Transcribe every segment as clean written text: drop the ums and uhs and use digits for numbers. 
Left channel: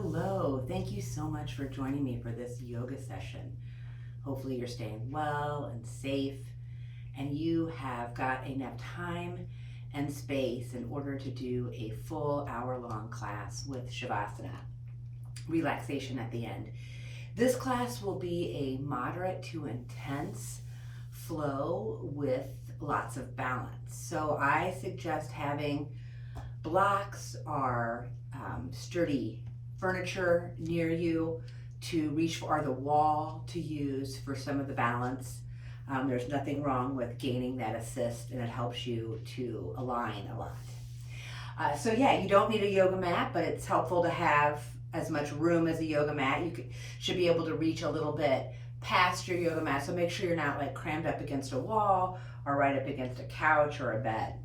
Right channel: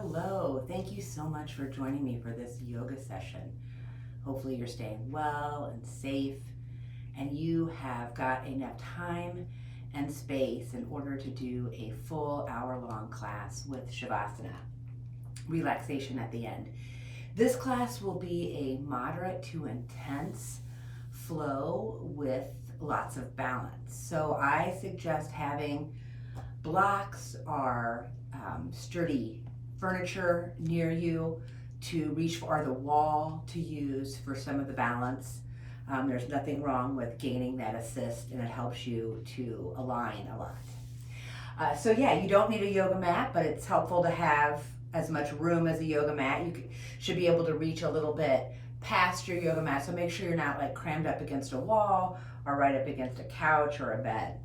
Hello, thank you so much for joining me for this yoga session. Hopefully, you're staying well and safe, and you have got enough time and space in order to do a full hour-long class with Shavasana, relaxation at the end. This class will be a moderate to intense flow with lots of balance. So I suggest having blocks or sturdy furniture near you to reach for, or the wall to use for some of the balance. There's nothing wrong with gaining that assist, and it helps you to align a lot. So yeah, you don't need a yoga mat, but it's helpful to have as much room as a yoga mat. You should be able to reach a little bit past your yoga mat, so make sure you're not like crammed up against a wall or right up against a couch or a bed.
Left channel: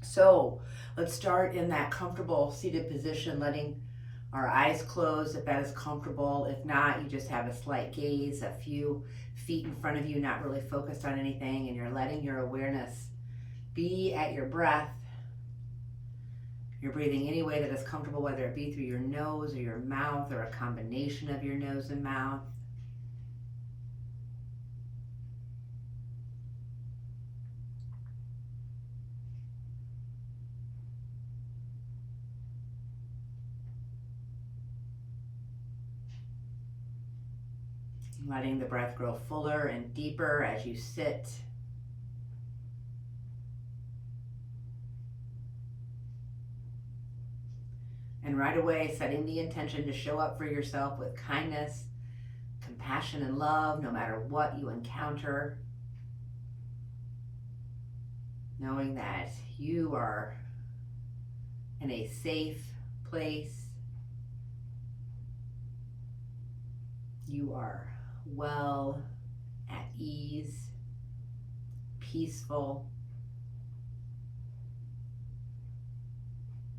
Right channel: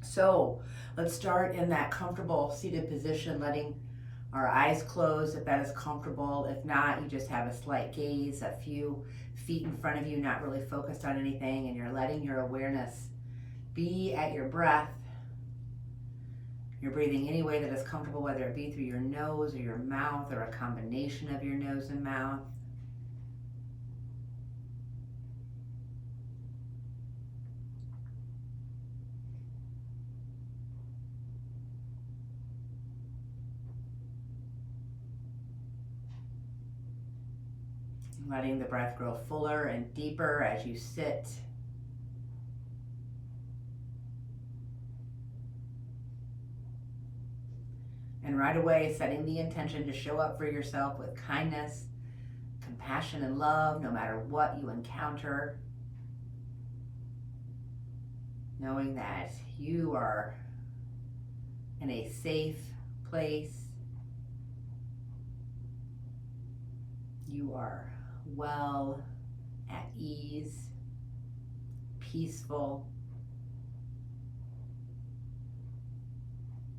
So let's start in that comfortable seated position, letting our eyes closed if that is comfortable. If not, you just have a slight gaze, a few feet in front of you, not really focused on anything, and you're letting your awareness be at your breath. You're breathing any way that is comfortable, whether it be through your nose or your mouth or a combination of your nose and mouth. Letting the breath grow fuller and deeper as you sit. And right away, setting the intention to show up for yourself with kindness, compassion, and love, no matter what you encounter. Knowing that you are in a safe place. You are well, at ease, peaceful.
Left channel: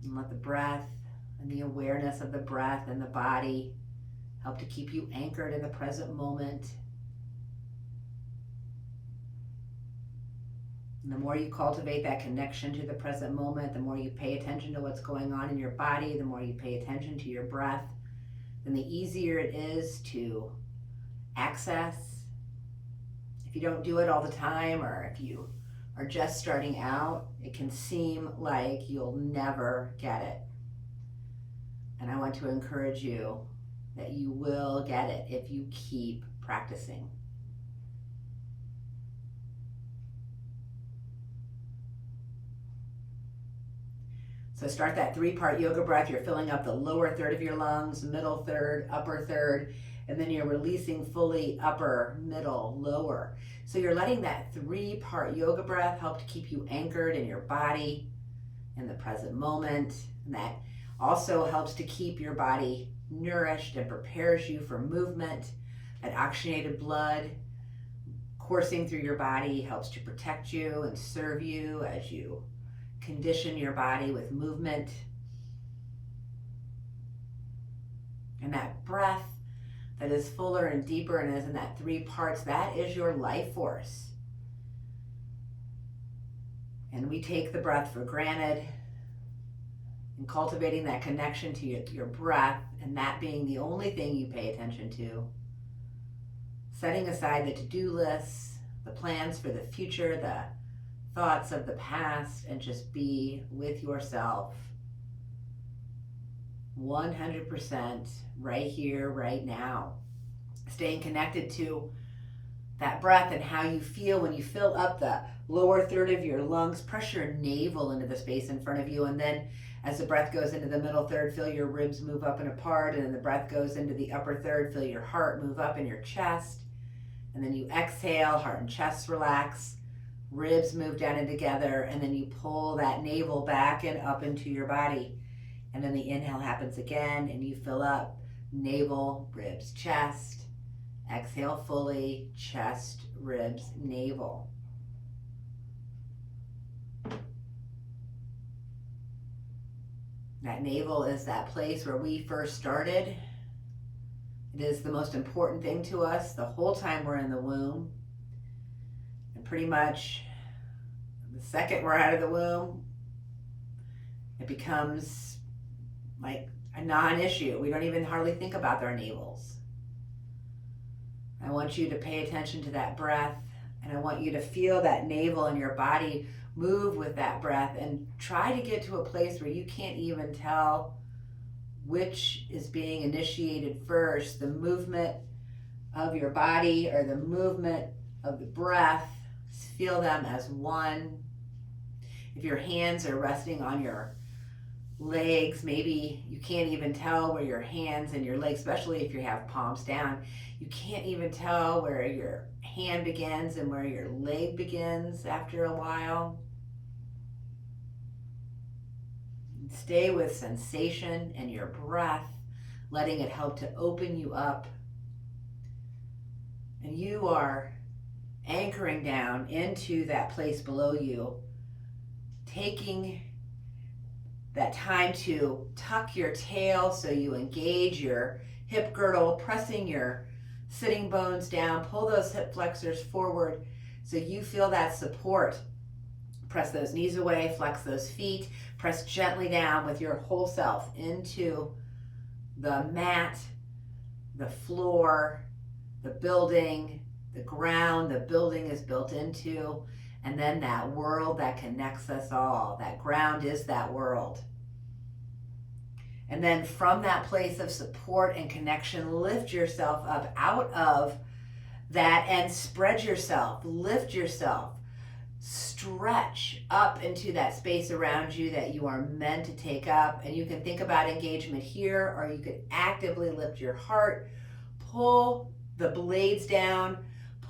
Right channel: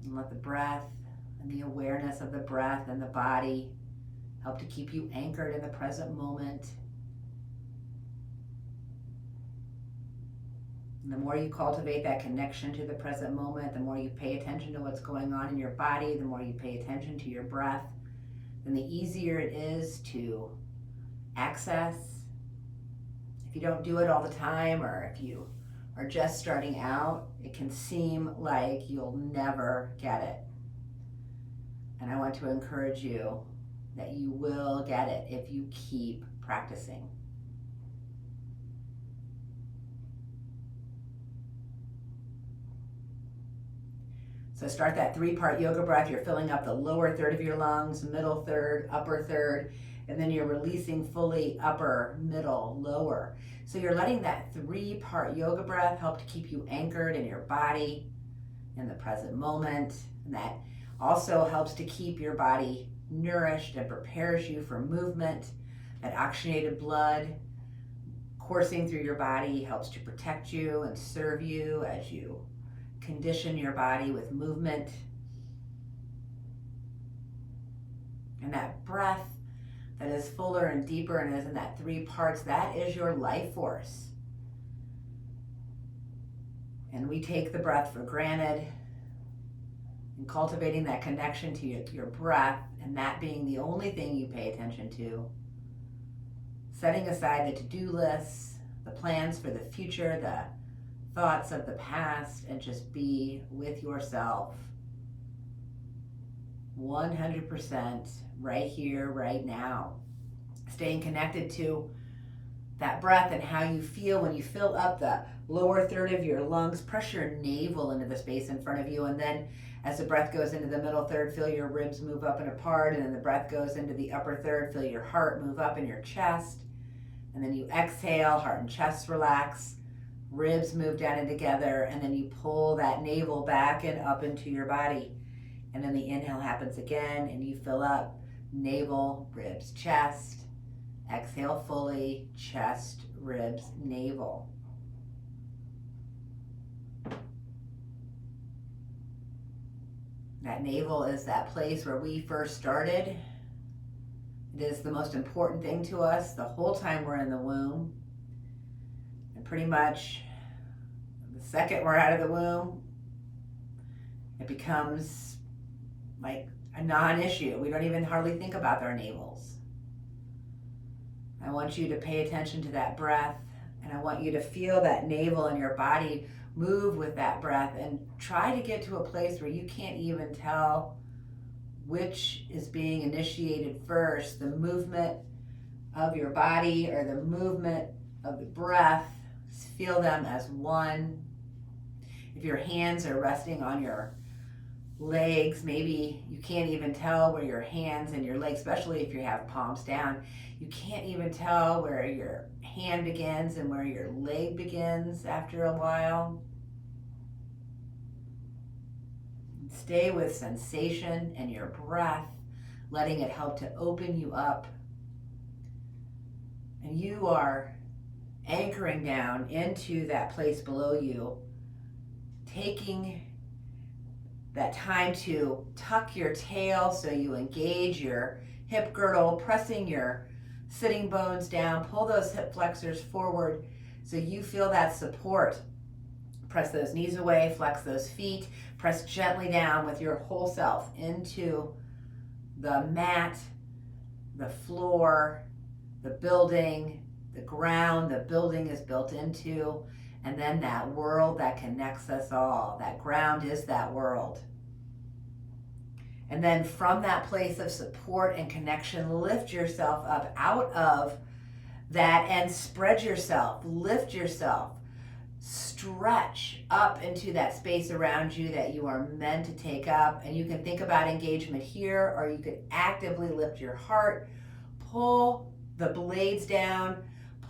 And let the breath and the awareness of the breath and the body help to keep you anchored in the present moment. And the more you cultivate that connection to the present moment, the more you pay attention to what's going on in your body, the more you pay attention to your breath, then the easier it is to access. If you don't do it all the time, or if you are just starting out, it can seem like you'll never get it. And I want to encourage you that you will get it if you keep practicing. So start that 3-part yoga breath. You're filling up the lower third of your lungs, middle third, upper third, and then you're releasing fully upper, middle, lower. So you're letting that 3-part yoga breath help to keep you anchored in your body, in the present moment. And that also helps to keep your body nourished and prepares you for movement. That oxygenated blood coursing through your body helps to protect you and serve you as you condition your body with movement. And that breath that is fuller and deeper and is in that 3 parts, that is your life force. And we take the breath for granted, and cultivating that connection to your breath, and that being the only thing you pay attention to. Setting aside the to-do lists, the plans for the future, the thoughts of the past, and just be with yourself 100% right here, right now. Staying connected to that breath and how you feel when you fill up the lower third of your lungs. Press your navel into the space in front of you, and then as the breath goes into the middle third, feel your ribs move up and apart, and then the breath goes into the upper third, feel your heart move up in your chest, and then you exhale, heart and chest relax, ribs move down and together, and then you pull that navel back and up into your body. And then the inhale happens again, and you fill up navel, ribs, chest. Exhale fully, chest, ribs, navel. That navel is that place where we first started. It is the most important thing to us the whole time we're in the womb. And pretty much the second we're out of the womb, it becomes like a non-issue. We don't even hardly think about our navels. I want you to pay attention to that breath, and I want you to feel that navel in your body move with that breath, and try to get to a place where you can't even tell which is being initiated first, the movement of your body or the movement of the breath. Feel them as one. If your hands are resting on your legs, maybe you can't even tell where your hands and your legs, especially if you have palms down, you can't even tell where your hand begins and where your leg begins after a while. Stay with sensation and your breath, letting it help to open you up. And you are anchoring down into that place below you, taking that time to tuck your tail so you engage your hip girdle, pressing your sitting bones down, pull those hip flexors forward so you feel that support. Press those knees away, flex those feet, press gently down with your whole self into the mat, the floor, the building, the ground the building is built into, and then that world that connects us all. That ground is that world. And then from that place of support and connection, lift yourself up out of that and spread yourself, lift yourself, stretch up into that space around you that you are meant to take up. And you can think about engagement here, or you could actively lift your heart, pull the blades down,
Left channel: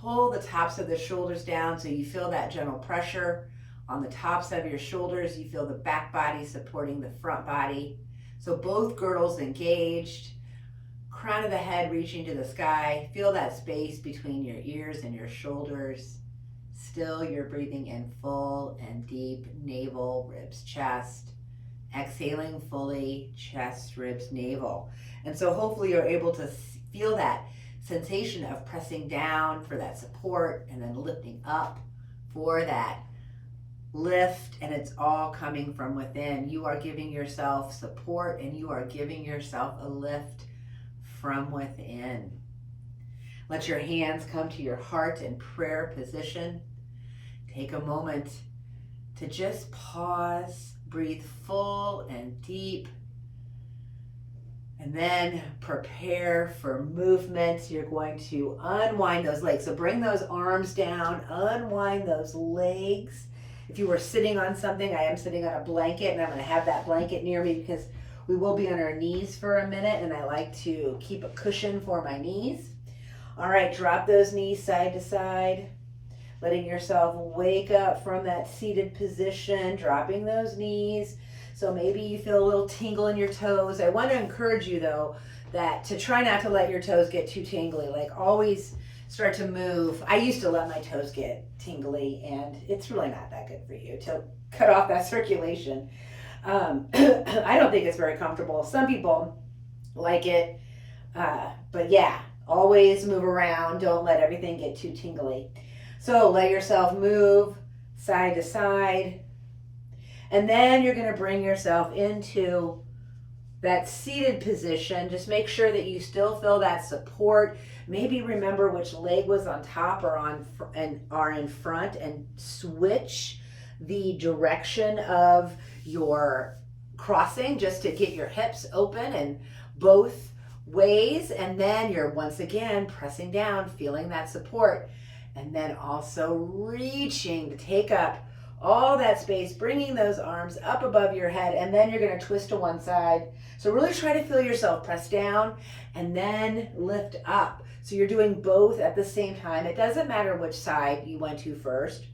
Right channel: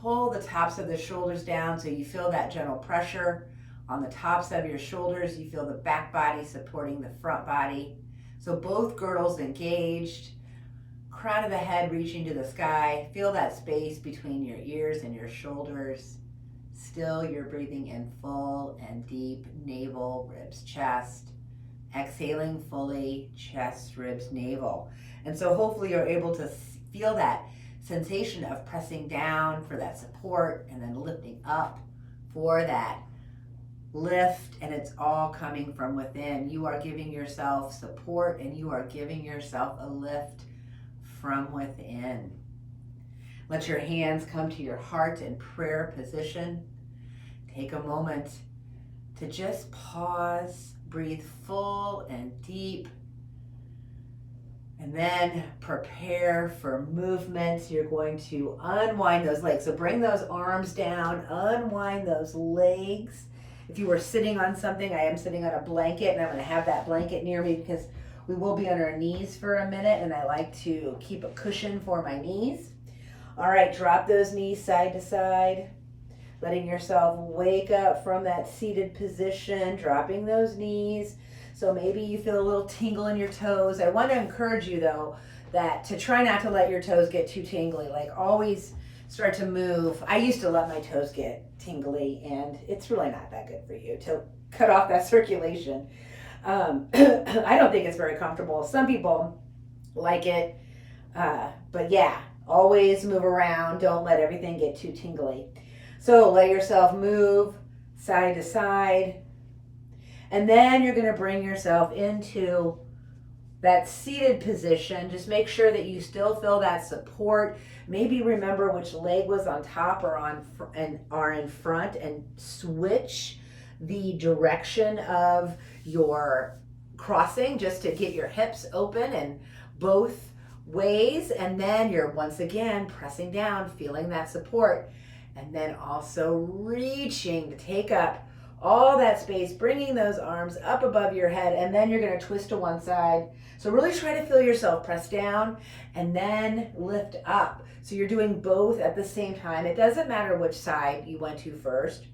pull the tops of the shoulders down so you feel that gentle pressure on the tops of your shoulders. You feel the back body supporting the front body. So both girdles engaged, crown of the head reaching to the sky. Feel that space between your ears and your shoulders. Still, you're breathing in full and deep, navel, ribs, chest. Exhaling fully, chest, ribs, navel. And so hopefully you're able to feel that sensation of pressing down for that support and then lifting up for that lift, and it's all coming from within. You are giving yourself support and you are giving yourself a lift from within. Let your hands come to your heart in prayer position. Take a moment to just pause, breathe full and deep, and then prepare for movement. You're going to unwind those legs. So bring those arms down, unwind those legs. If you were sitting on something, I am sitting on a blanket, and I'm going to have that blanket near me because we will be on our knees for a minute, and I like to keep a cushion for my knees. All right, drop those knees side to side, letting yourself wake up from that seated position, dropping those knees. So maybe you feel a little tingle in your toes. I want to encourage you, though, that to try not to let your toes get too tingly. Like, always start to move. I used to let my toes get tingly, and it's really not that good for you to cut off that circulation. I don't think it's very comfortable. Some people like it, but yeah, always move around. Don't let everything get too tingly. So let yourself move side to side. And then you're going to bring yourself into that seated position. Just make sure that you still feel that support. Maybe remember which leg was on top or are in front, and switch the direction of your crossing just to get your hips open in both ways. And then you're once again pressing down, feeling that support, and then also reaching to take up all that space, bringing those arms up above your head, and then you're going to twist to one side. So really try to feel yourself press down and then lift up. So you're doing both at the same time. It doesn't matter which side you went to first.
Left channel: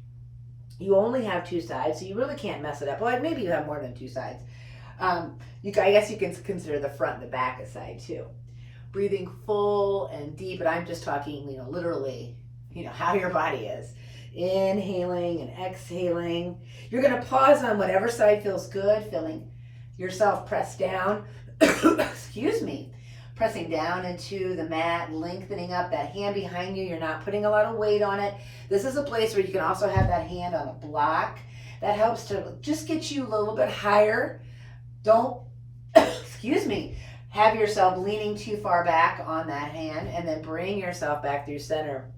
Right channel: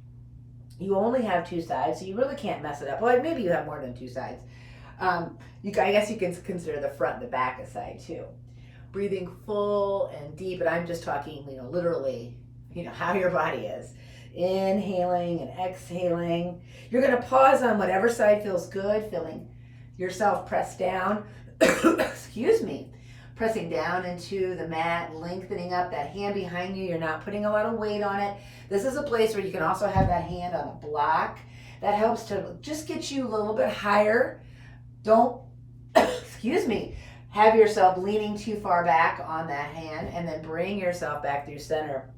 You only have two sides, so you really can't mess it up. Well, maybe you have more than two sides. I guess you can consider the front and the back a side too. Breathing full and deep, and I'm just talking, literally, how your body is. Inhaling and exhaling. You're going to pause on whatever side feels good, feeling yourself press down. Excuse me. Pressing down into the mat, lengthening up that hand behind you. You're not putting a lot of weight on it. This is a place where you can also have that hand on a block. That helps to just get you a little bit higher. Don't, excuse me, have yourself leaning too far back on that hand, and then bring yourself back through center.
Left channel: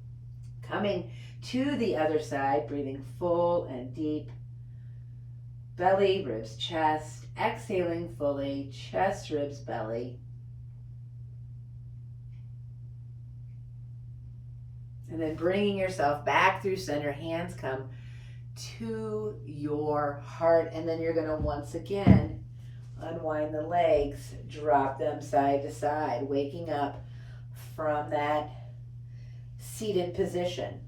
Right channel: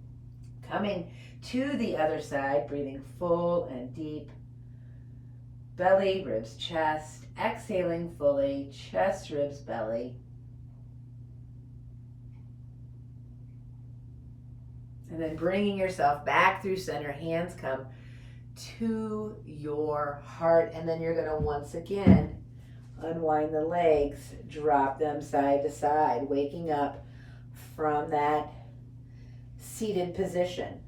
Coming to the other side, breathing full and deep. Belly, ribs, chest. Exhaling fully, chest, ribs, belly. And then bringing yourself back through center, hands come to your heart. And then you're going to once again unwind the legs, drop them side to side, waking up from that seated position.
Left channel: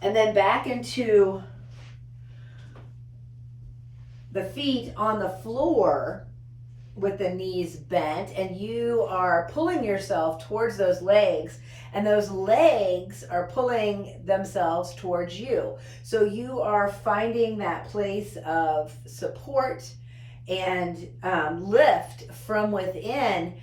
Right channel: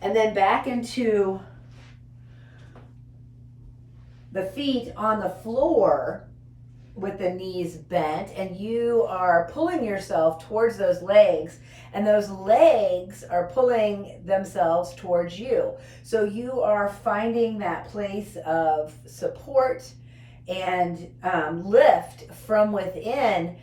And then back into the feet on the floor with the knees bent, and you are pulling yourself towards those legs, and those legs are pulling themselves towards you. So you are finding that place of support and lift from within.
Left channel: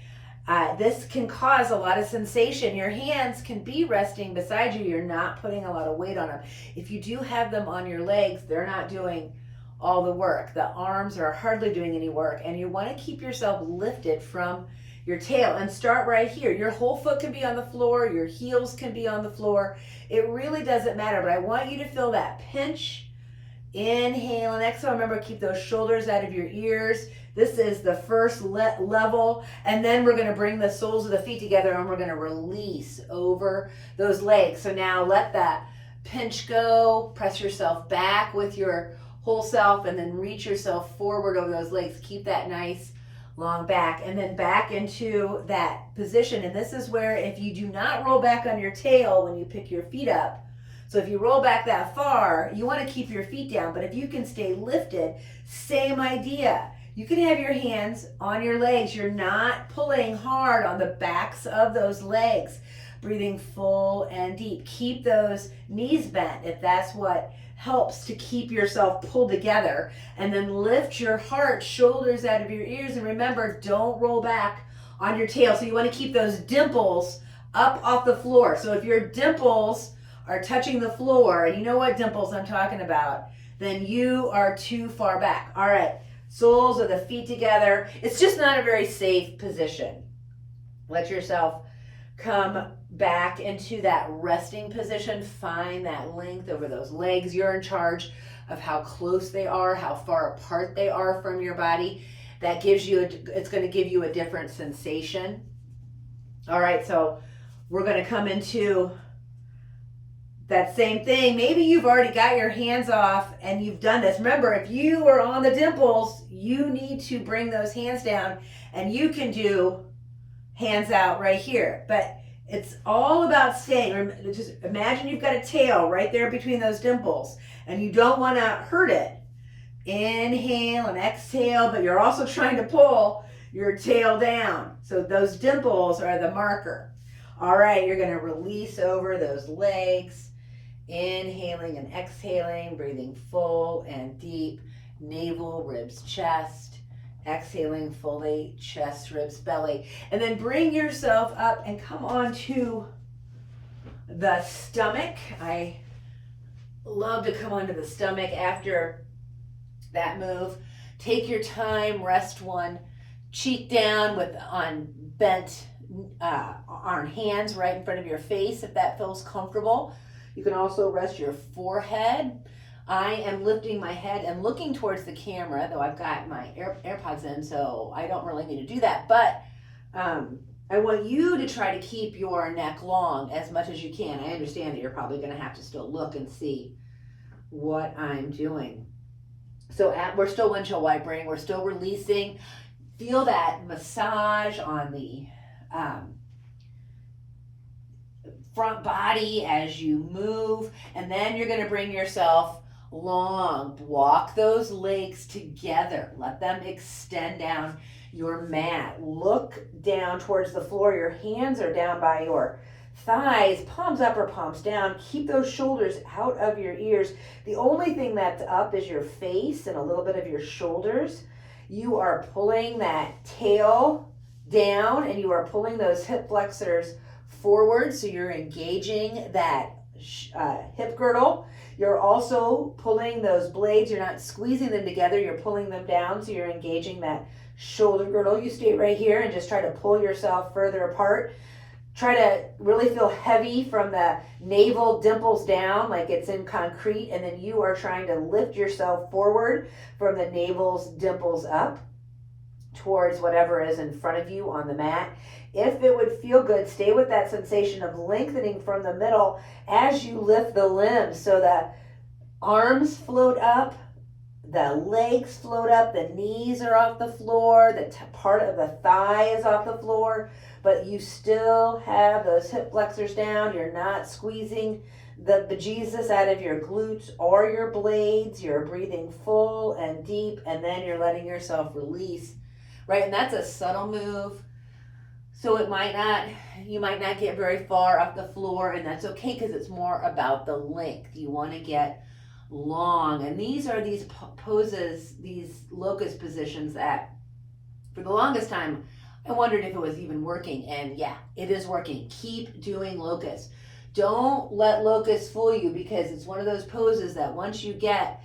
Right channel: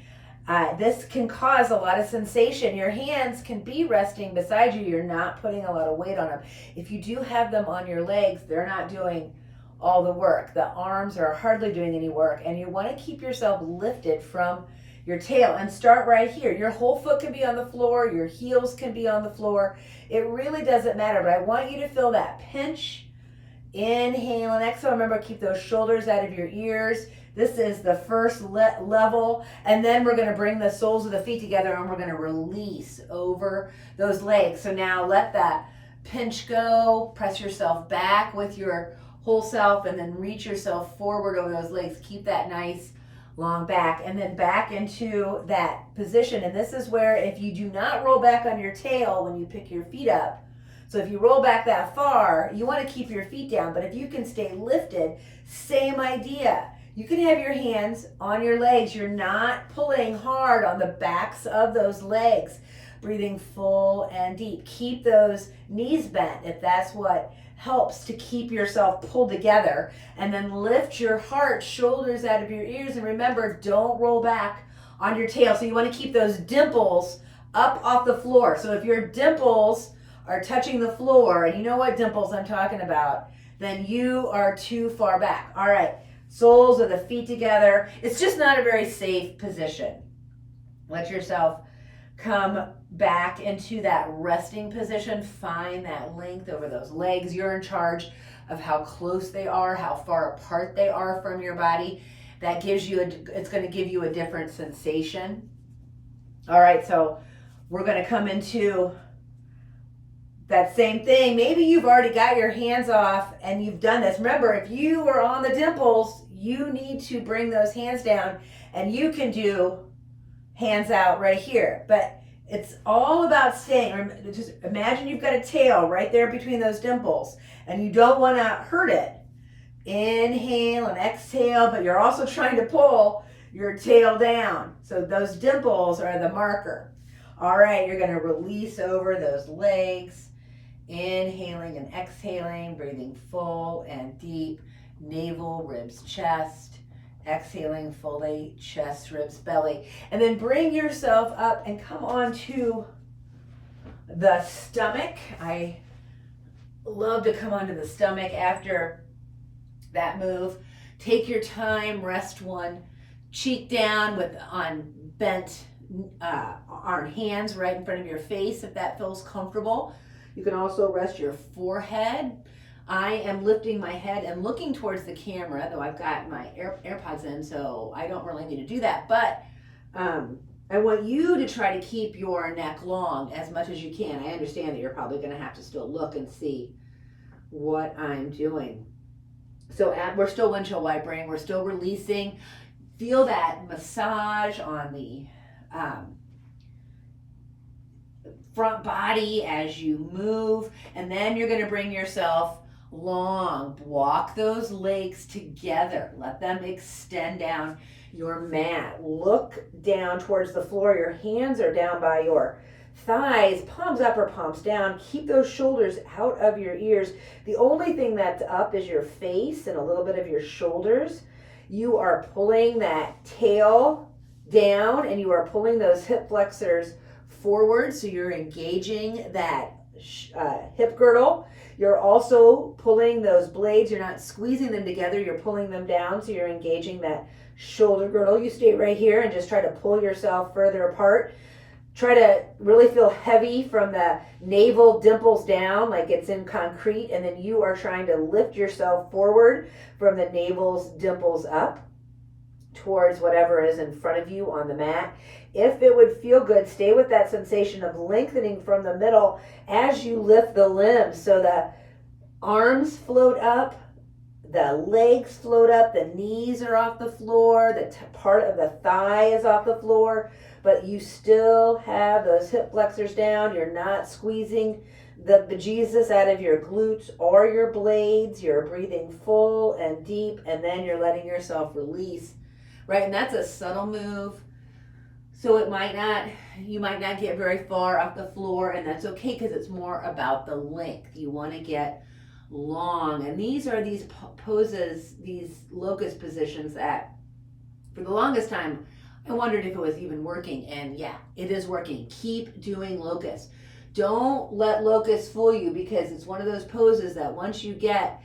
This can cause a lot of sensation. Your hands can be resting beside you. You're not putting a lot of weight on them. If you do have them on your legs, they're not doing all the work. The arms are hardly doing any work, and you want to keep yourself lifted from your tail and start right here. Your whole foot can be on the floor, your heels can be on the floor. It really doesn't matter, but I want you to feel that pinch. Inhale and exhale. Remember, keep those shoulders out of your ears. This is the first level, and then we're going to bring the soles of the feet together, and we're going to release over those legs. So now let that pinch go. Press yourself back with your whole self, and then reach yourself forward over those legs. Keep that nice long back, and then back into that position. And this is where, if you do not roll back on your tail when you pick your feet up, so if you roll back that far, you want to keep your feet down, but if you can stay lifted, same idea. You can have your hands on your legs. You're not pulling hard on the backs of those legs. Breathing full and deep. Keep those knees bent if that's what helps to keep yourself pulled together. And then lift your heart, shoulders out of your ears. And remember, don't roll back on your tail. So you want to keep those dimples up off the floor. So if your dimples are touching the floor, and you know what dimples I'm talking about, then you are too far back. All right, soles of the feet together. It's just not a very safe position. Let yourself come back into that resting position. Find that length over those legs. You're in charge of how close they are, how far apart they are from your body. That gives you, it's going to give you a different sensation. All right, so we're going to come into that same thing. Maybe you've already got your hands off and you've done this. Remember, if you are on the dimples, you need to bring those hands down, and you can do hands out right here. But it's all about staying. Just imagine you've got a tail right there between those dimples, and you don't want to hurt it. Inhale and exhale, but you're also trying to pull your tail down. So those dimples are the marker. All right, you're going to release over those legs. Inhaling and exhaling, breathing full and deep. Navel, ribs, chest. Exhaling fully, chest, ribs, belly. And then bring yourself up and come on to the stomach. I love to come onto the stomach after that move. Take your time, rest one cheek down on bent on hands right in front of your face if that feels comfortable. You can also rest your forehead. I am lifting my head and looking towards the camera, though I've got my AirPods in, so I don't really need to do that. But I want you to try to keep your neck long as much as you can. I understand that you're probably going to have to still look and see what I'm doing. So we're still windshield wipering. We're still releasing. Feel that massage on the front body as you move, and then you're going to bring yourself long. Walk those legs together. Let them extend down your mat. Look down towards the floor. Your hands are down by your thighs, palms up or palms down. Keep those shoulders out of your ears. The only thing that's up is your face and a little bit of your shoulders. You are pulling that tail down, and you are pulling those hip flexors forward, so you're engaging that hip girdle. You're also pulling those blades. You're not squeezing them together. You're pulling them down, so you're engaging that shoulder girdle. You stay right here and just try to pull yourself further apart. Try to really feel heavy from the navel dimples down like it's in concrete, and then you are trying to lift yourself forward from the navel's dimples up towards whatever is in front of you on the mat. If it would feel good, stay with that sensation of lengthening from the middle as you lift the limbs. So the arms float up, the legs float up, the knees are off the floor, the part of the thigh is off the floor, but you still have those hip flexors down. You're not squeezing the bejesus out of your glutes or your blades. You're breathing full and deep, and then you're letting yourself release, right? And that's a subtle move. So you might not get very far off the floor, and that's okay because it's more about the length. You want to get long. And these are these poses, these locust positions that for the longest time, I wondered if it was even working. And yeah, it is working. Keep doing locust. Don't let locust fool you, because it's one of those poses that once you get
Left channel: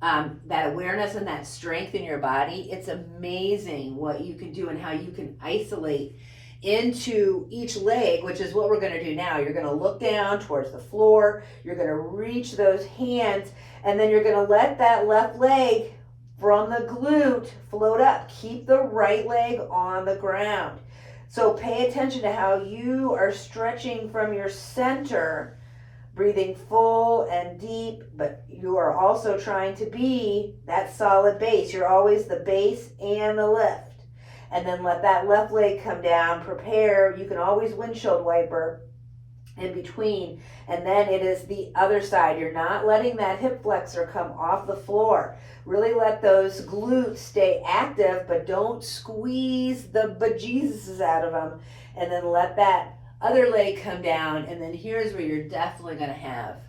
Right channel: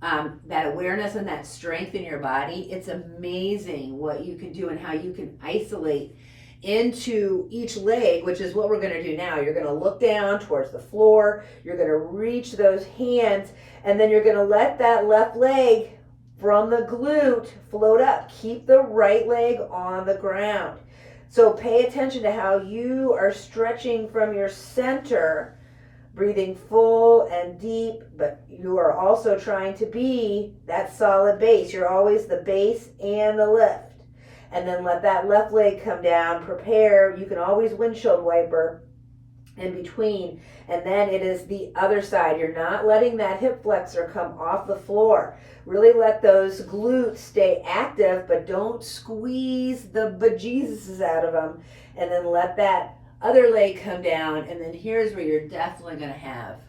that awareness and that strength in your body, it's amazing what you can do and how you can isolate into each leg, which is what we're going to do now. You're going to look down towards the floor. You're going to reach those hands, and then you're going to let that left leg from the glute float up. Keep the right leg on the ground. So pay attention to how you are stretching from your center, breathing full and deep, but you are also trying to be that solid base. You're always the base and the lift. And then let that left leg come down. Prepare. You can always windshield wiper in between. And then it is the other side. You're not letting that hip flexor come off the floor. Really let those glutes stay active, but don't squeeze the bejesus out of them. And then let that other leg come down. And then here's where you're definitely going to have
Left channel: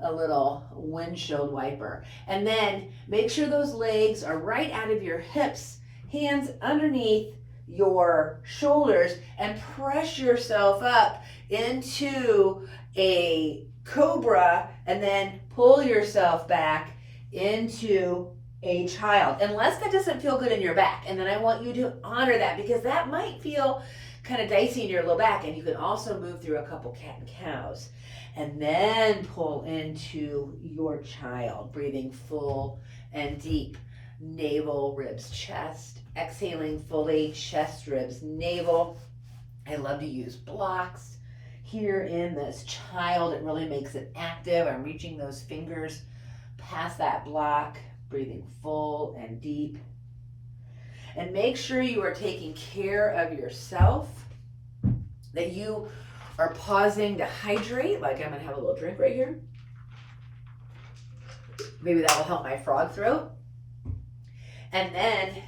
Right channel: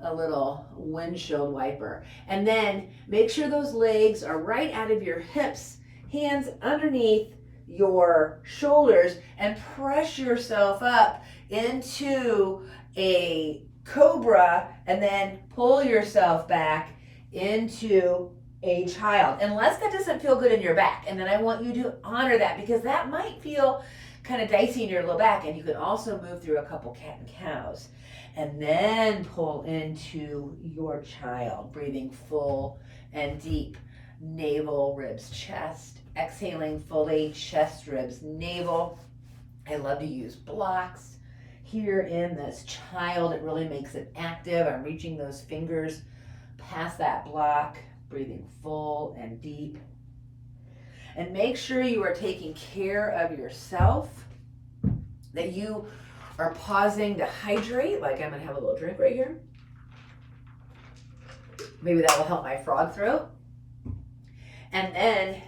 a little windshield wiper. And then make sure those legs are right out of your hips. Hands underneath your shoulders, and press yourself up into a cobra, and then pull yourself back into a child. Unless that doesn't feel good in your back. And then I want you to honor that, because that might feel kind of dicey in your low back. And you can also move through a couple cat and cows. And then pull into your child, breathing full and deep. Navel, ribs, chest. Exhaling fully, chest, ribs, navel. I love to use blocks here in this child. It really makes it active. I'm reaching those fingers past that block, breathing full and deep. And make sure you are taking care of yourself, that you are pausing to hydrate. Like I'm going to have a little drink right here. Maybe that will help my frog throat. And then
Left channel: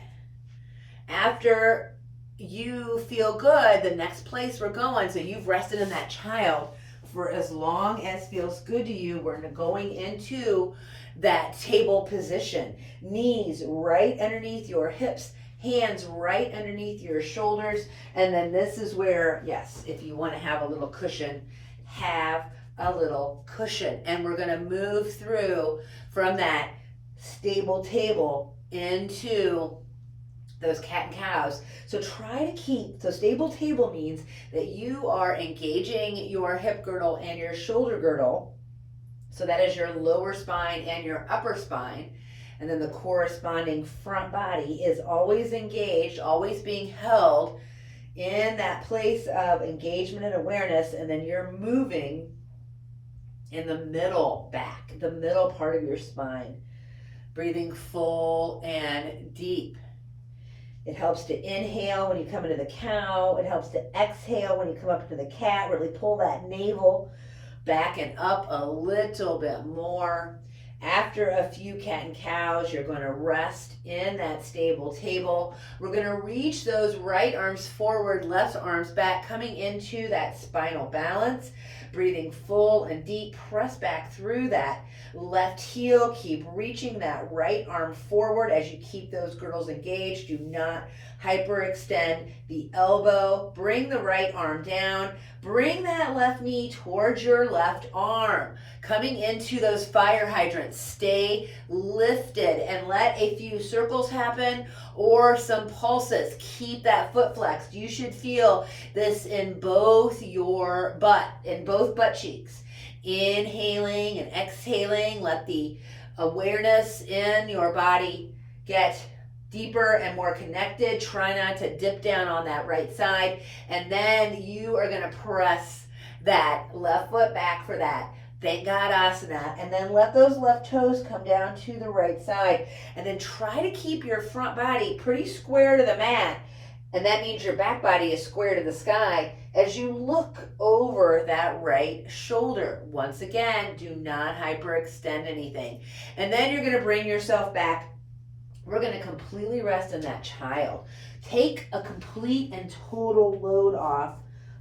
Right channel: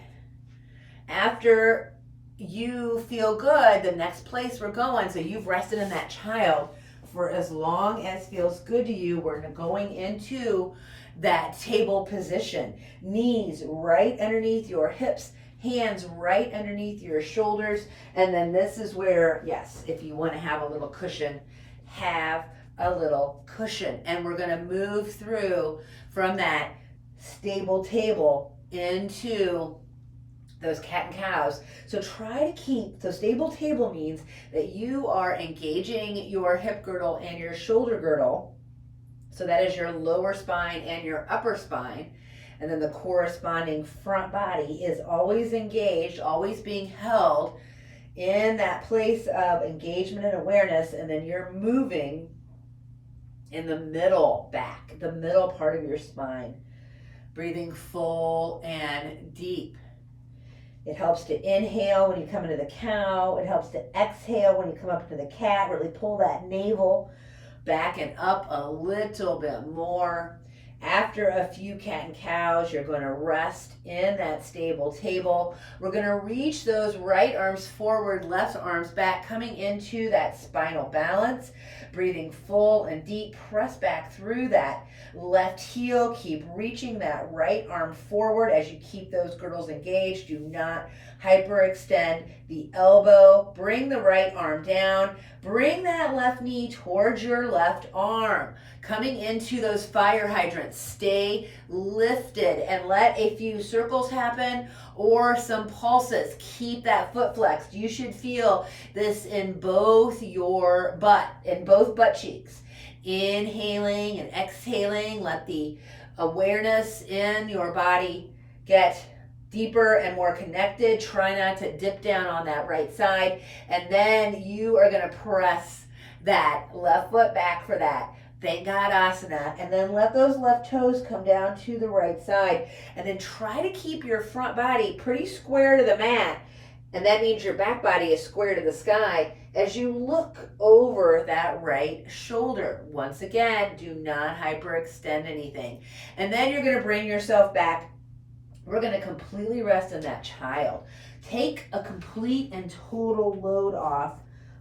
after you feel good, the next place we're going, so you've rested in that child for as long as feels good to you, we're going into that table position. Knees right underneath your hips, hands right underneath your shoulders. And then this is where, yes, if you want to have a little cushion, have a little cushion. And we're going to move through from that stable table into those cat and cows. So try to keep, so stable table means that you are engaging your hip girdle and your shoulder girdle. So that is your lower spine and your upper spine. And then the corresponding front body is always engaged, always being held in that place of engagement and awareness. And then you're moving in the middle back, the middle part of your spine, breathing full and deep. It helps to inhale when you come into the cow. It helps to exhale when you come up into the cat. Really pull that navel back and up a little bit more. After a few cat and cows, you're going to rest in that stable table. We're going to reach those right arms forward, left arms back, coming into that spinal balance. Breathing full and deep. Press back through that left heel. Keep reaching that right arm forward as you keep those girdles engaged. Do not hyperextend the elbow, bring the right arm down, bring that left knee towards your left arm. Coming into those fire hydrants, stay lifted and let a few circles happen or some pulses. Keep that foot flexed. You should feel this in both your butt, in both butt cheeks. Inhaling and exhaling, let the awareness in your body get deeper and more connected. Try not to dip down on that right side. And then you are going to press that left foot back for that Thank God asana. And then let those left toes come down to the right side. And then try to keep your front body pretty square to the mat. And that means your back body is square to the sky as you look over that right shoulder. Once again, do not hyperextend anything. And then you're going to bring yourself back. We're going to completely rest in that child. Take a complete and total load off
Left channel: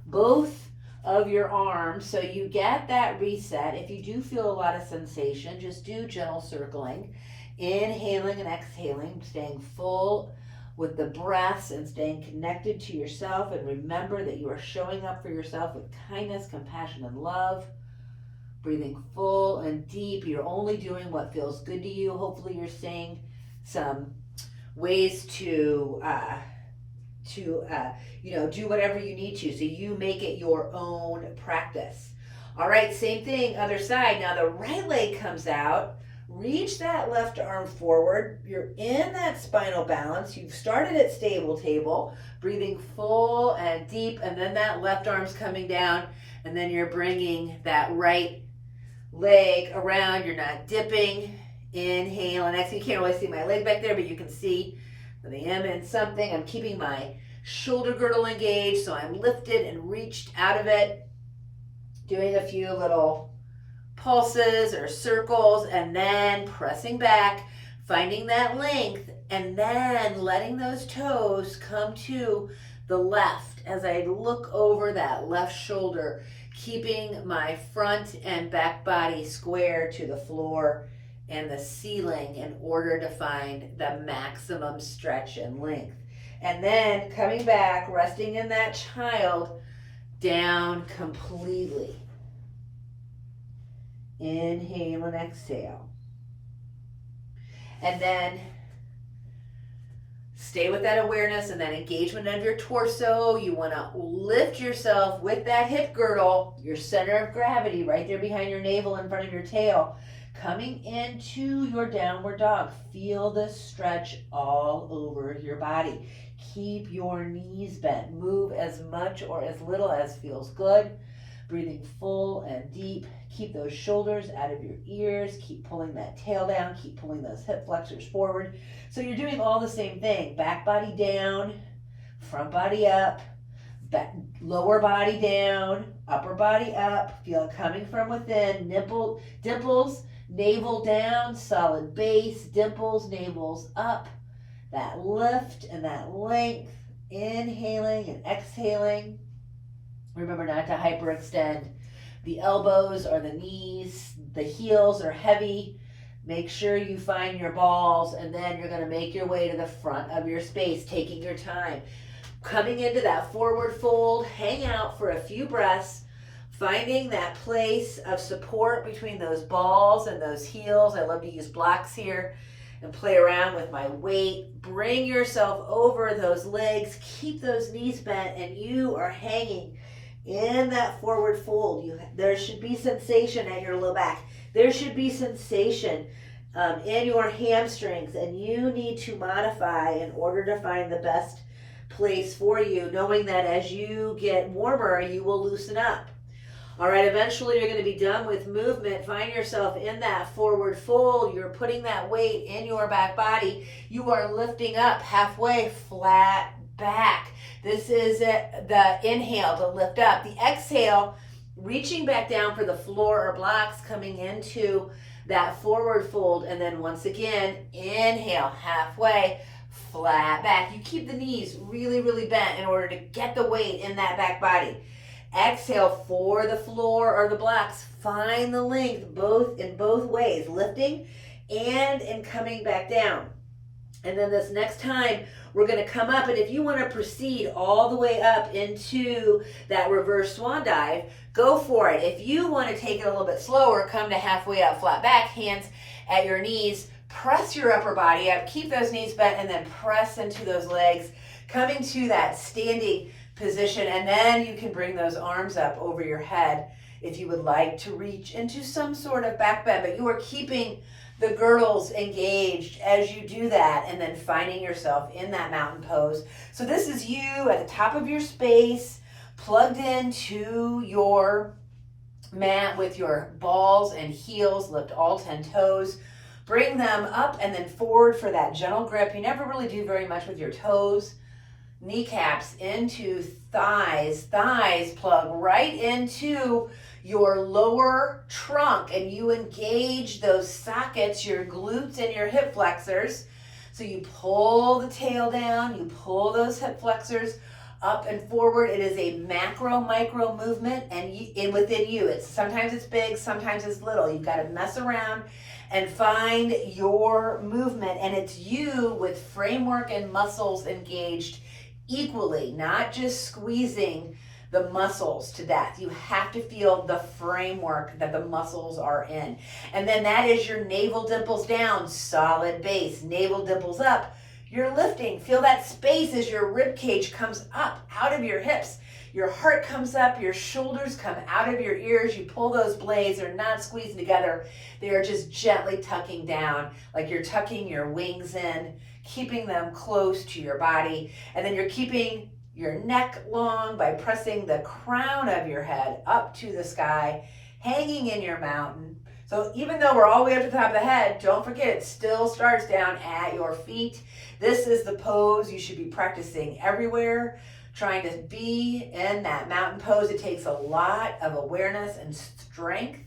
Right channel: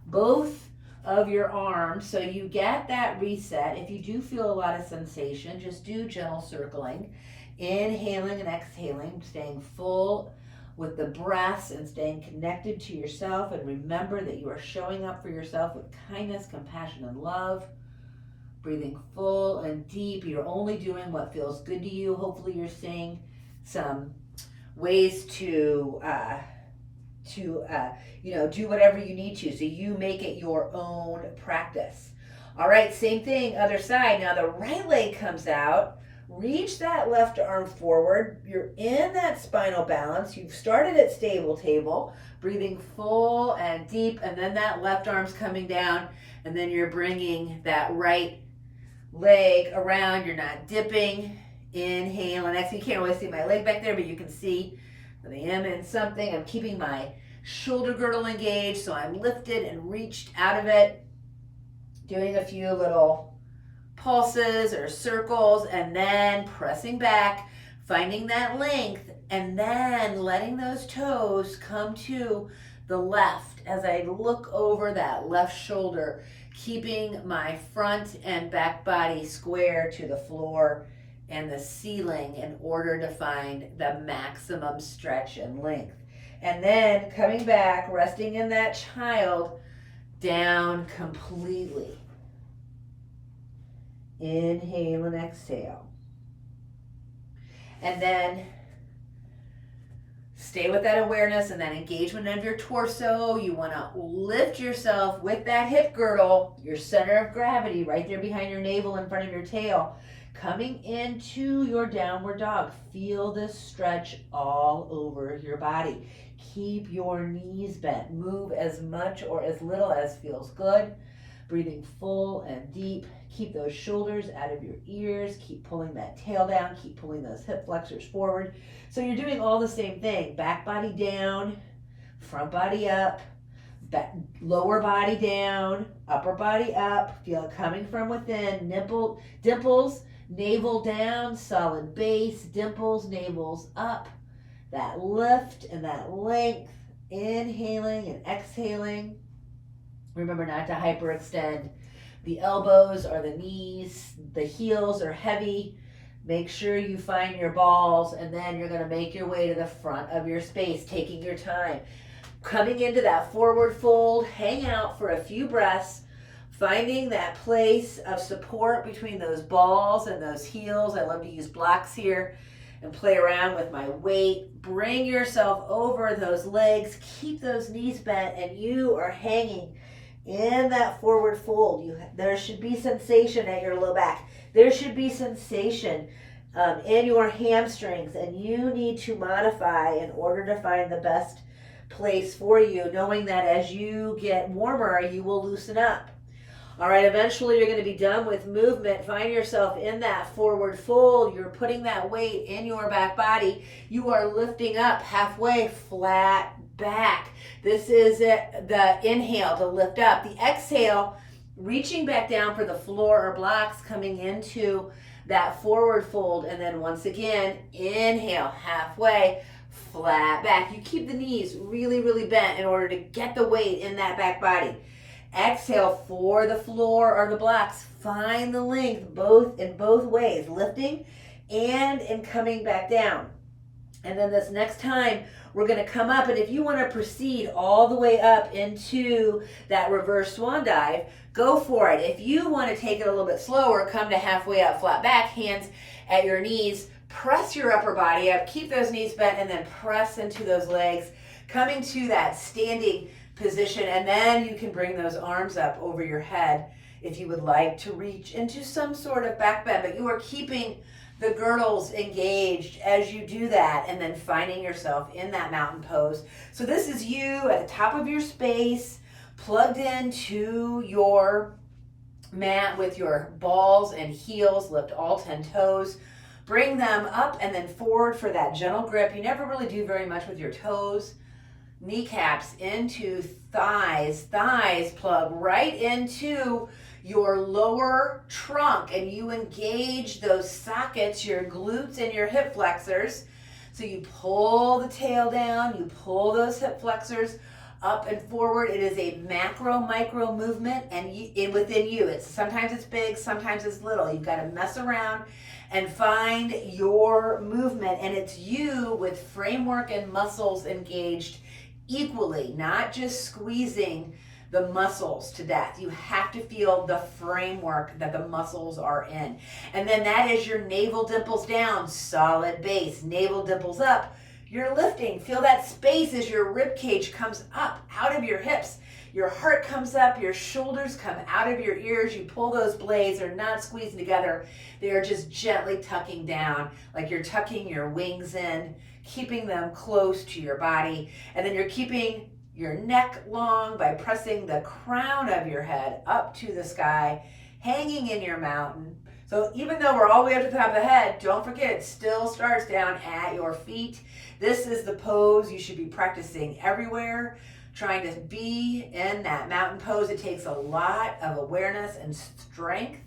both of your arms so you get that reset. If you do feel a lot of sensation, just do gentle circling, inhaling and exhaling, staying full with the breaths and staying connected to yourself. And remember that you are showing up for yourself with kindness, compassion, and love. Breathing full and deep. You're only doing what feels good to you. Hopefully you're seeing some ways to do whatever you need to, so you make it your own practice. All right, same thing, other side. Now the right leg comes out. Reach that left arm forward. You're in that spinal balance. You've started at stable table, breathing full and deep, and then that left arm's coming down, and then you're bringing that right leg around. You're not dipping. Inhale and exhale. You can't really see my leg back there, but you can see that I am in something. I'm keeping my shoulder girdle engaged, so I'm lifted and reached out of it. Doing a few little pulses or circles, and then pressing back, finding that length, and then letting those toes come to the left as I look over that left shoulder, keeping my front and back body square to the floor and the ceiling in order to find the maximum stretch and length. And then coming back, resting in that child, down completely. Inhale and exhale. And then stay with that awareness and that engagement of your torso. You want to lift yourself with that hip girdle, your center of gravity right there behind your navel in front of your tail. Coming into your downward dog. Feel this stretch all over your body. Keep your knees bent. Move as much or as little as feels good. Breathing full and deep. Keep those shoulders out of your ears. Keep pulling that tail down. Keep pulling those hip flexors forward. So you're doing all the same thing. Back body down, front body up, lower body down, upper body up. Feel it coming from within. Dimples. Navel down, solid base, dimples, navels up. That lift and that length, inhaling and exhaling. Remember not to hyperextend the elbows or the knees. The heels are heavy. Make sure you find your balls, and then you're going to make your way to the front of your space, taking your time. Coming into that forward fold, hang out for a few breaths. Finding that place of support between those balls and those heels. I love to use blocks here and play around with my weight. Bring yourself over those legs. Keep those knees bent, and you are hanging in that forward fold. There should be sensation at your low back. There should be sensation in your hamstrings, and you need to modify in order to find the best place for you, knowing that as you get warmer, you will loosen up. All right, eventually you're going to be done with movement. Find yourself in that forward fold. You're putting that weight in your back body. You are lifting up halfway, flat back. This is the inhale to lift up. The exhale, reaching back down for the floor or blocks, coming into that forward fold. And then once again, inhale, halfway, flat back. You keep the knees really, really bent in order to get the weight in that back body. Exhale for the floor or the blocks. Find the length in both ways, lifting and in coming back down. And then this next time, we're going to come up, and if you want to proceed all the way up into that reverse swan dive, go for it. If you want to take it a little bit slower, come to halfway up, flat back, hands at your knees, press your upper body up, keep those knees bent, and then press into those legs, coming to that standing position, and then you can bring those arms up over your head if you would like to reach into some sort of back bend, but you are keeping the girdles engaged as you do that, and then finding yourself in that mountain pose. So this is you at the top of your space, plugged into your mat with your balls and heels. Lift all 10 toes. Bring them up and then forward for that gentle grip. You never really do very much with your toes. Kneecaps into thighs. Thighs plug right into your lower trunk, and you engage those sockets, your glutes and your hip flexors. So you pull the tail down, you pull those hip flexors up and forward. It is a macro micro movement, and within you, sometimes it's big, sometimes it's little. You've got to mess around and find your movement, and it's you with framework and muscles engaged equally, not just squeezing the muscles to death. You have to feel the framework that the muscles are in. And then that is your navel dimples down, solid base. Navel dimples up, you're lifting. Feel that space as your rib cage comes up out of your hips. Your heart comes up, your shoulders come out of your ears. You pull those blades, they're not squeezing together. They are just gently tucking down, like you're tucking your wings in, keeping them close to your body. And then you're keeping your neck long by pressing the crown of your head up to the sky, hanging in your mountain. So even though we're all the way up to the top of the head, don't forget it still starts down at your feet. This is the pose you should be practicing everywhere, trying to be in that mountain pose. It takes a lot of awareness and strength.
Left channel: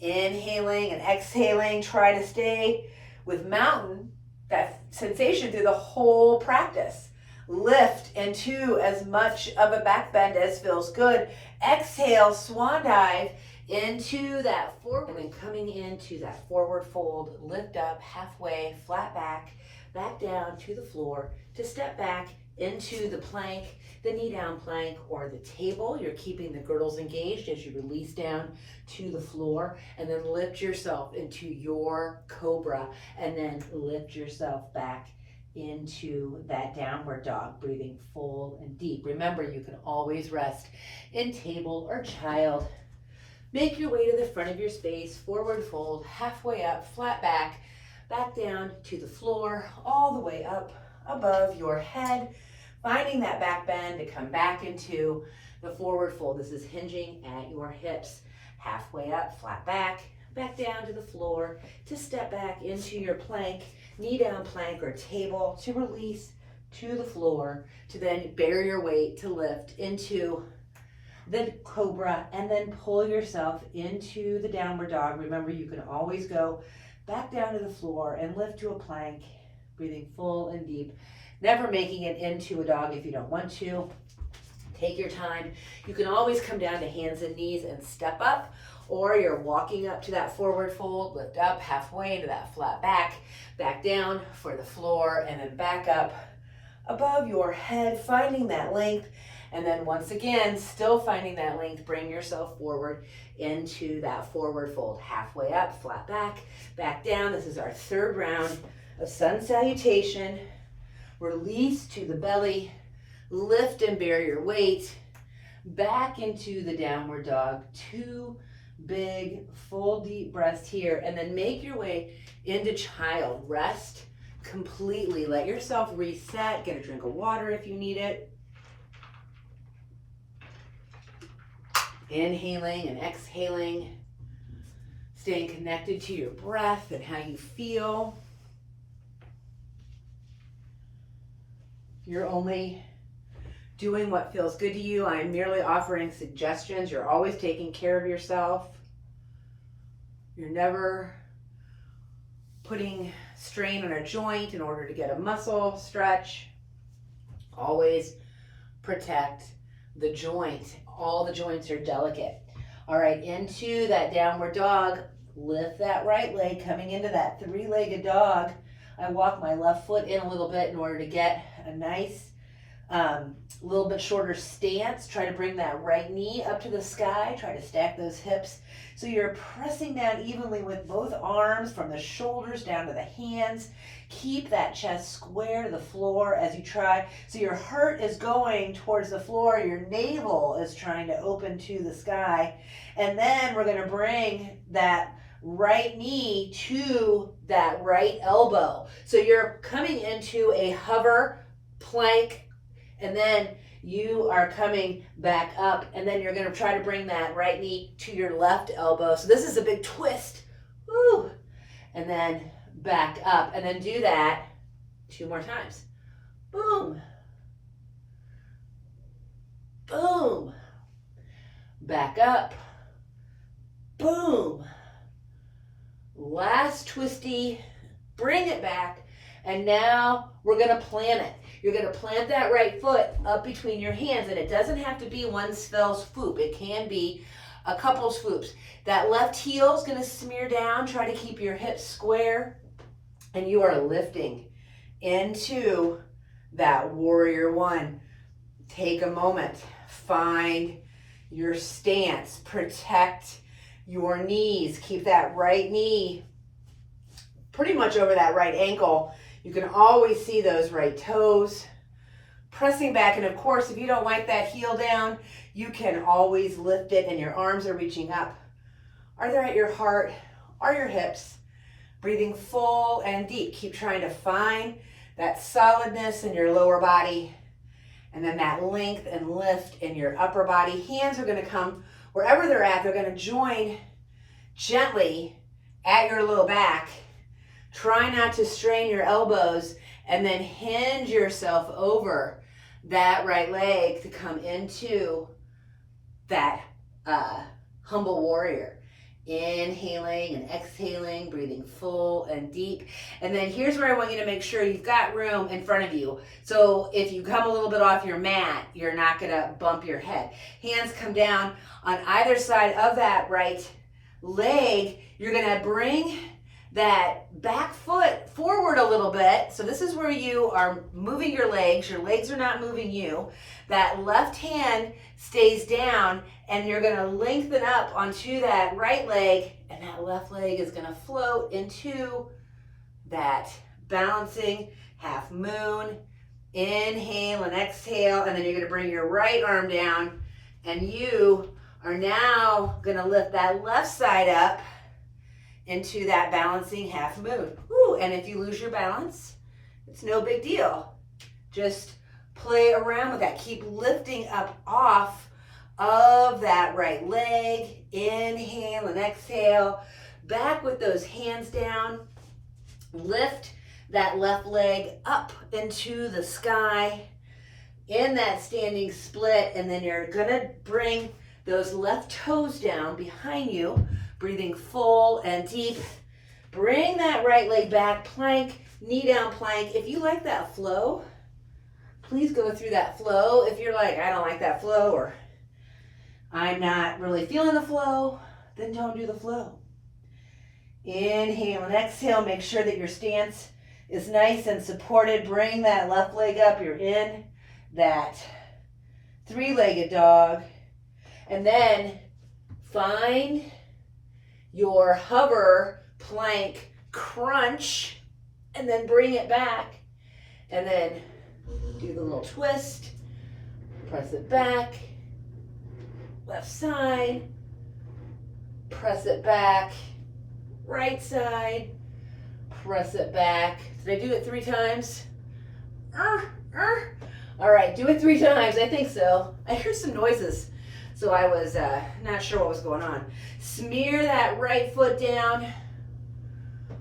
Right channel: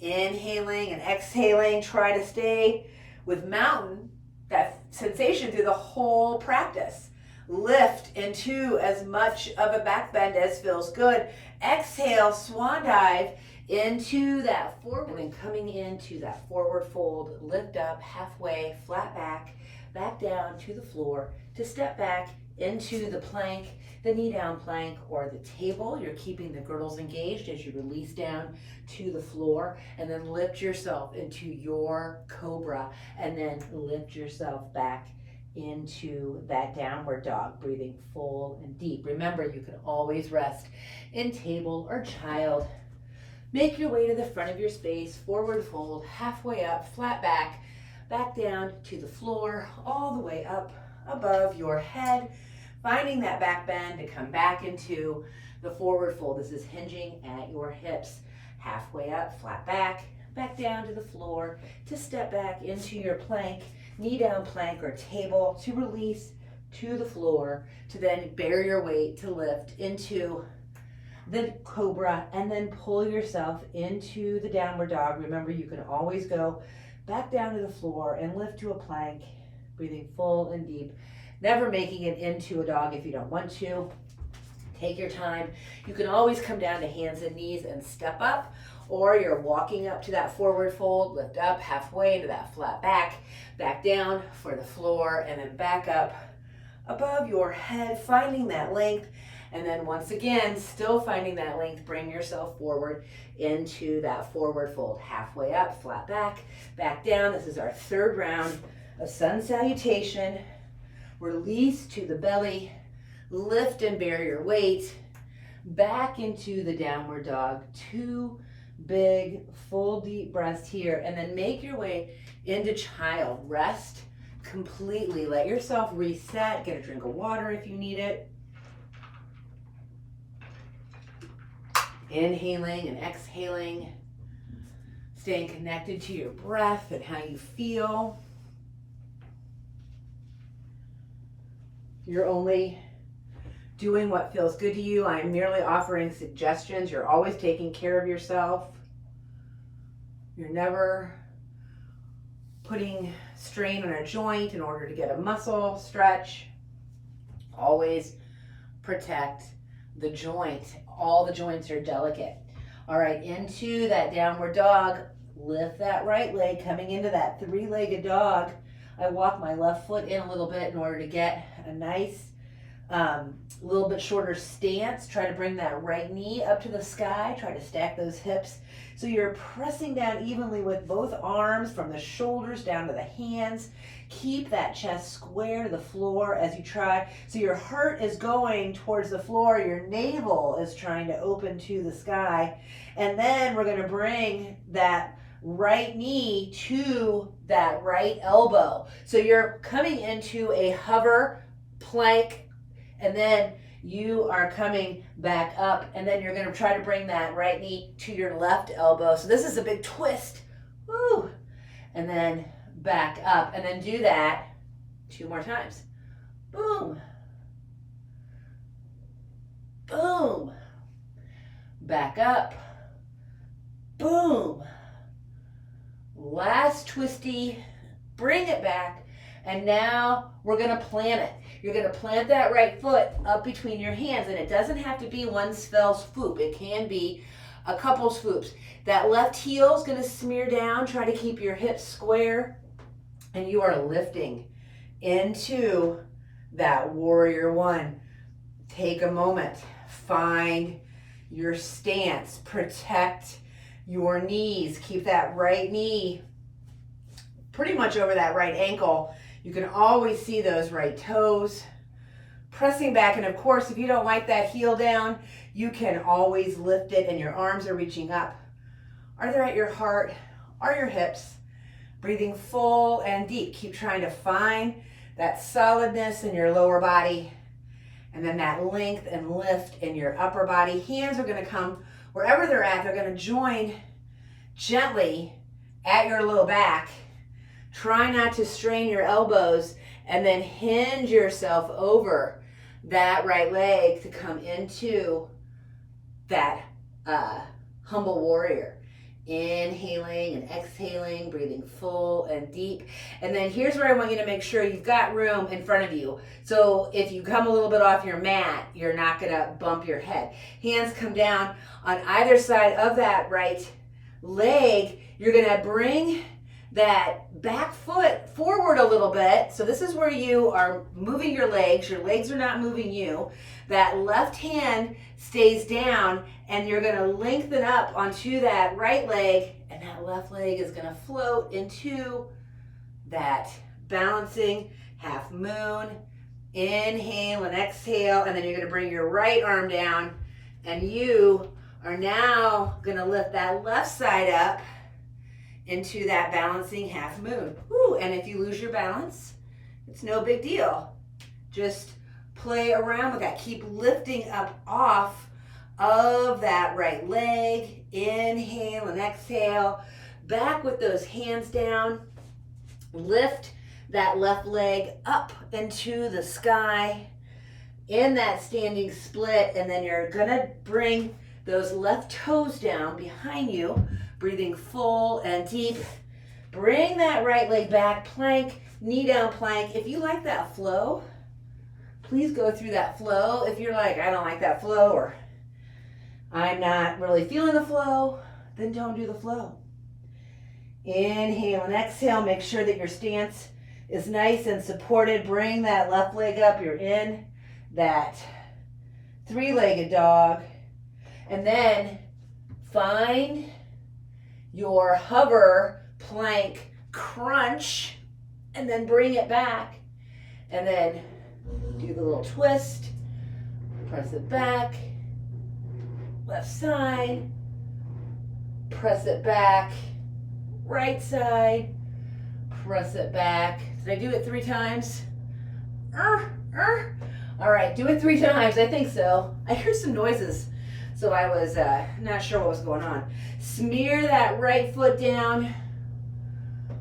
Inhaling and exhaling, try to stay with mountain, that sensation through the whole practice. Lift into as much of a back bend as feels good. Exhale, swan dive into that forward, and then coming into that forward fold, lift up halfway, flat back, back down to the floor, to step back into the plank, the knee down plank, or the table. You're keeping the girdles engaged as you release down to the floor, and then lift yourself into your cobra, and then lift yourself back into that downward dog, breathing full and deep. Remember, you can always rest in table or child. Make your way to the front of your space, forward fold, halfway up, flat back, back down to the floor, all the way up above your head, finding that back bend to come back into the forward fold. This is hinging at your hips, halfway up, flat back, back down to the floor, to step back into your plank, knee down plank or table, to release to the floor, to then bear your weight to lift into the cobra, and then pull yourself into the downward dog. Remember, you can always go back down to the floor and lift to a plank, breathing full and deep, never making it into a dog if you don't want to. Take your time. You can always come down to hands and knees and step up, or you're walking up to that forward fold, lift up halfway into that flat back, back down for the floor, and then back up above your head, finding that length. And then once again, still finding that length, bring yourself forward into that forward fold. Halfway up, flat back, back down. This is our third round of sun salutation. Release to the belly, lift and bear your weight, back into the downward dog. 2 big, full, deep breaths here, and then make your way into child. Rest completely. Let yourself reset. Get a drink of water if you need it. Inhaling and exhaling, staying connected to your breath and how you feel. You're only doing what feels good to you. I am merely offering suggestions. You're always taking care of yourself. You're never putting strain on a joint in order to get a muscle stretch. Always protect the joint. All the joints are delicate. All right, into that downward dog. Lift that right leg, coming into that 3-legged dog I walk my left foot in a little bit in order to get a nice little bit shorter stance. Try to bring that right knee up to the sky. Try to stack those hips. So you're pressing down evenly with both arms from the shoulders down to the hands. Keep that chest square to the floor as you try. So your heart is going towards the floor. Your navel is trying to open to the sky. And then we're going to bring that right knee to that right elbow. So you're coming into a hover plank, and then you are coming back up, and then you're going to try to bring that right knee to your left elbow. So this is a big twist. Woo! And then back up, and then do that 2 more times. Boom. Boom. Back up. Boom. Last twisty. Bring it back. And now we're going to plant it. You're going to plant that right foot up between your hands, and it doesn't have to be one fell swoop. It can be a couple swoops. That left heel is going to smear down. Try to keep your hips square, and you are lifting into that warrior one. Take a moment. Find your stance. Protect your knees. Keep that right knee pretty much over that right ankle. You can always see those right toes. Pressing back, and of course, if you don't like that heel down, you can always lift it and your arms are reaching up. Either at your heart or your hips. Breathing full and deep. Keep trying to find that solidness in your lower body, and then that length and lift in your upper body. Hands are going to come wherever they're at. They're going to join gently at your low back. Try not to strain your elbows, and then hinge yourself over that right leg to come into that humble warrior. Inhaling and exhaling, breathing full and deep. And then here's where I want you to make sure you've got room in front of you. So if you come a little bit off your mat, you're not going to bump your head. Hands come down on either side of that right leg. You're going to bring that back foot forward a little bit. So this is where you are moving your legs. Your legs are not moving you. That left hand stays down, and you're going to lengthen up onto that right leg, and that left leg is going to float into that balancing half moon. Inhale and exhale, and then you're going to bring your right arm down, and you are now going to lift that left side up into that balancing half moon. Woo. And if you lose your balance, it's no big deal. Just play around with that. Keep lifting up off of that right leg. Inhale and exhale. Back with those hands down. Lift that left leg up into the sky in that standing split, and then you're gonna bring those left toes down behind you. Breathing full and deep. Bring that right leg back, plank, knee down plank. If you like that flow, please go through that flow. If you're like, I don't like that flow, or I'm not really feeling the flow, then don't do the flow. Inhale and exhale. Make sure that your stance is nice and supported. Bring that left leg up. You're in that three-legged dog. And then find your hover plank crunch, and then bring it back, and then do the little twist, press it back, left side, press it back, right side, press it back. Did I do it 3 times? All right, do it 3 times. I think so. I heard some noises, so I was not sure what was going on. Smear that right foot down.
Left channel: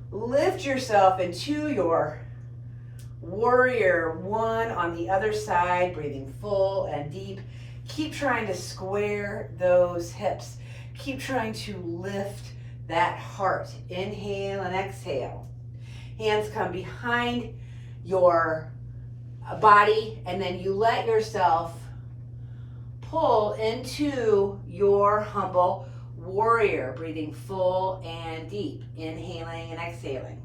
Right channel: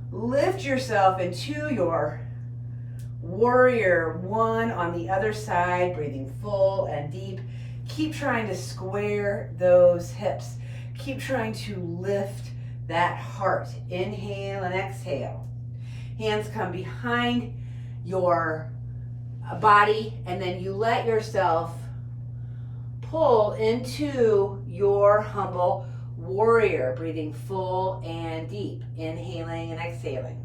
Lift yourself into your warrior one on the other side, breathing full and deep. Keep trying to square those hips. Keep trying to lift that heart. Inhale and exhale. Hands come behind your body, and then you let yourself pull into your humble warrior, breathing full and deep, inhaling and exhaling.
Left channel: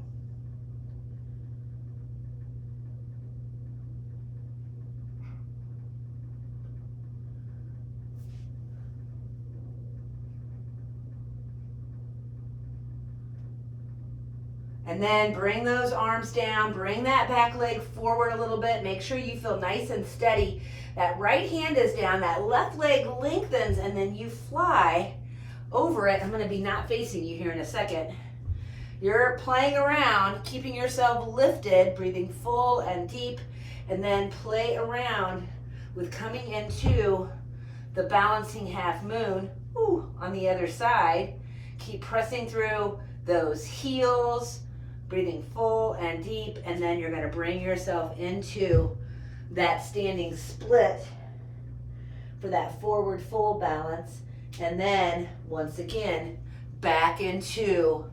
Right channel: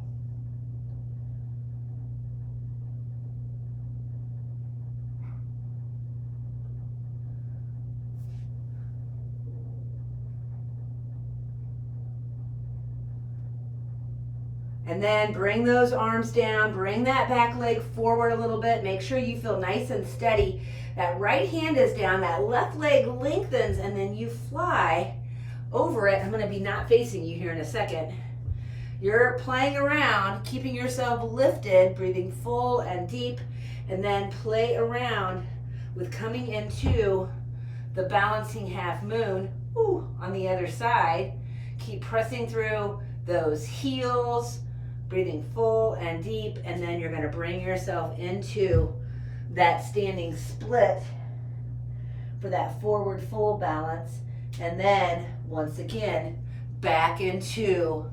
And then bring those arms down, bring that back leg forward a little bit. Make sure you feel nice and steady. That right hand is down, that left leg lengthens, and then you fly over it. I'm gonna be not facing you here in a second. You're playing around, keeping yourself lifted, breathing full and deep, and then play around with coming into the balancing half moon on the other side. Keep pressing through those heels, breathing full and deep, and then you're going to bring yourself into that standing split for that forward full balance, and then once again back into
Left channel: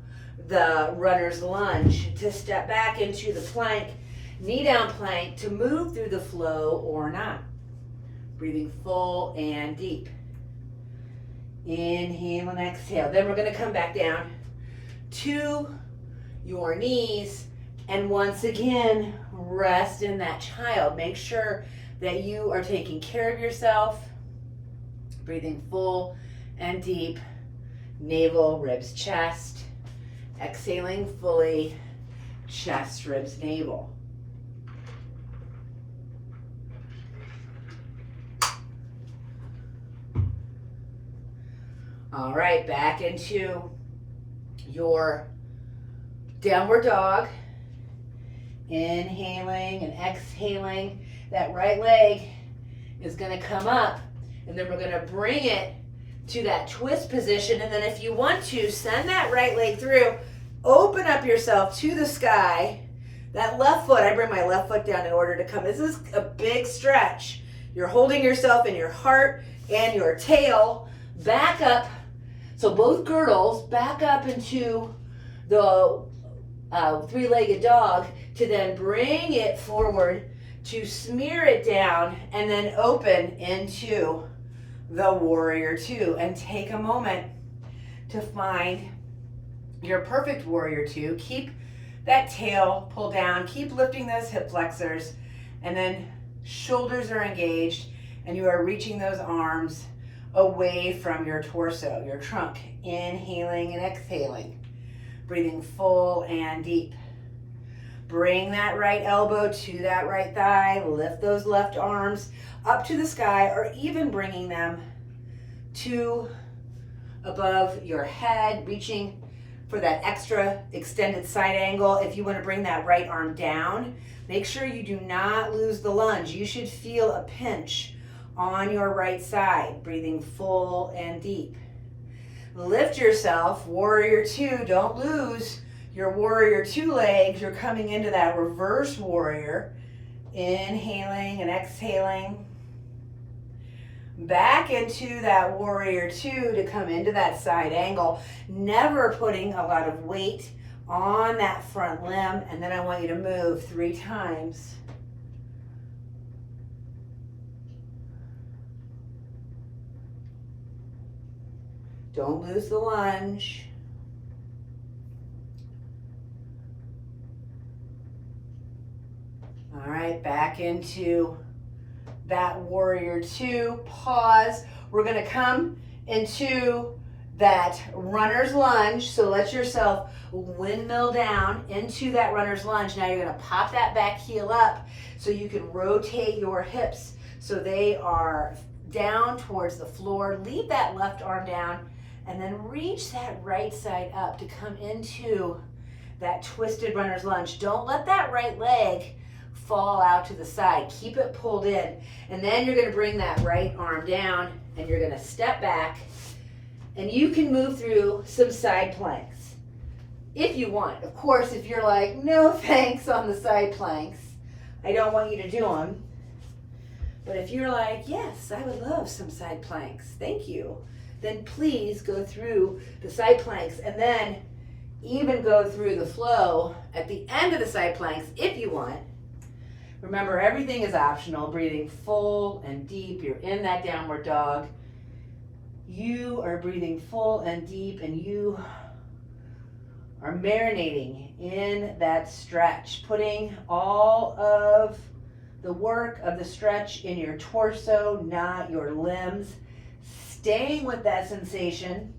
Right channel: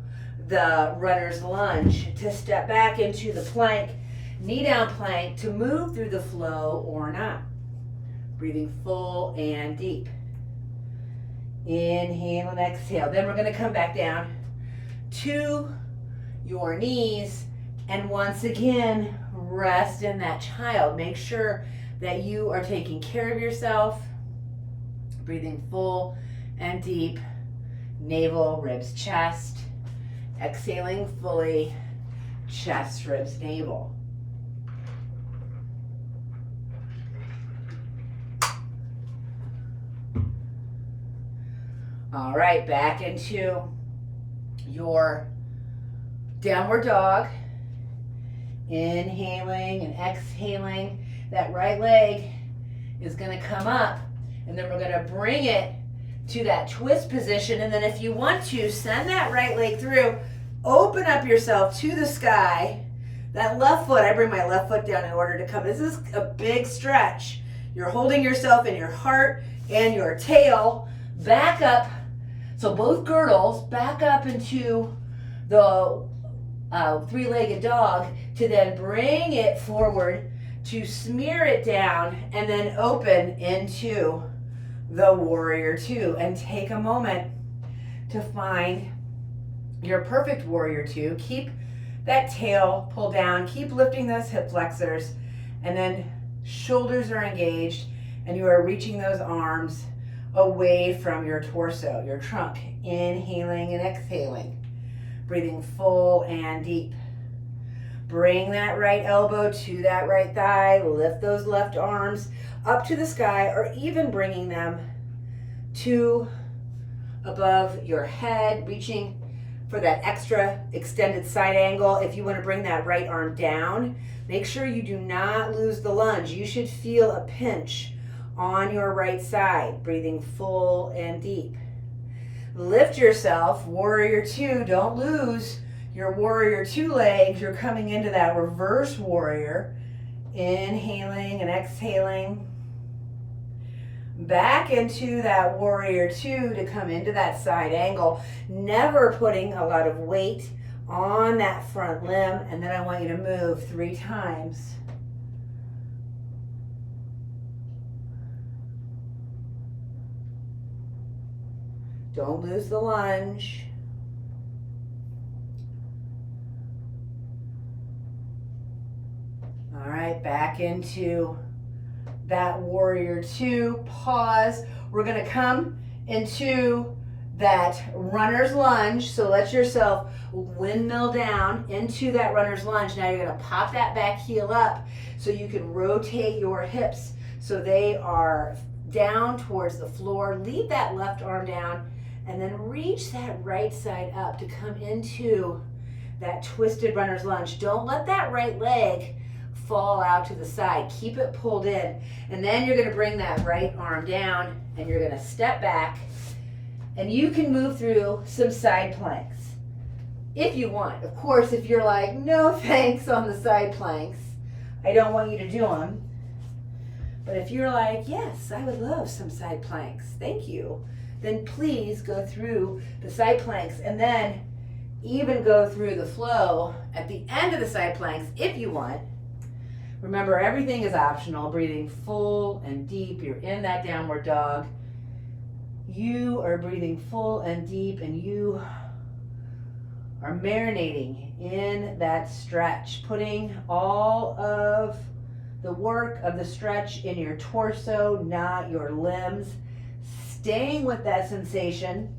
the runner's lunge to step back into the plank, knee down plank, to move through the flow or not. Breathing full and deep. Inhale and exhale. Then we're going to come back down to your knees, and once again rest in that child. Make sure that you are taking care of yourself. Breathing full and deep. Navel, ribs, chest. Exhaling fully, chest, ribs, navel. All right, back into your downward dog. Inhaling and exhaling. That right leg is going to come up, and then we're going to bring it to that twist position. And then if you want to, send that right leg through. Open up yourself to the sky. That left foot, I bring my left foot down in order to come. This is a big stretch. You're holding yourself in your heart and your tail. Back up. So both girdles back up into the three-legged dog, to then bring it forward, to smear it down, and then open into the warrior two. And take a moment to find your perfect warrior two. Keep that tail pulled down, keep lifting those hip flexors, and then shoulders are engaged, and you are reaching those arms away from your torso, your trunk. Inhaling and exhaling, breathing full and deep. Bring that right elbow to that right thigh. Lift those left arms up to the sky, or even bringing them to above your head, reaching for that extra extended side angle. If you want to bring that right arm down, make sure you do not lose the lunge. You should feel a pinch on your right side. Breathing full and deep. Lift yourself, warrior two. Don't lose your warrior two legs. You're coming into that reverse warrior. Inhaling and exhaling. Back into that warrior two to come into that side angle. Never putting a lot of weight on that front limb. And then I want you to move 3 times. Don't lose the lunge. All right, back into that warrior two. Pause. We're going to come into that runner's lunge. So let yourself windmill down into that runner's lunge. Now you're going to pop that back heel up so you can rotate your hips so they are down towards the floor. Leave that left arm down, and then reach that right side up to come into that twisted runner's lunge. Don't let that right leg fall out to the side. Keep it pulled in. And then you're going to bring that right arm down, and you're going to step back, and you can move through some side planks if you want. Of course, if you're like, no thanks on the side planks, I don't want you to do them. But if you're like, yes, I would love some side planks, thank you, then please go through the side planks, and then even go through the flow at the end of the side planks if you want. Remember, everything is optional. Breathing full and deep. You're in that downward dog. You are breathing full and deep, and you are marinating in that stretch, putting all of the work of the stretch in your torso, not your limbs. Staying with that sensation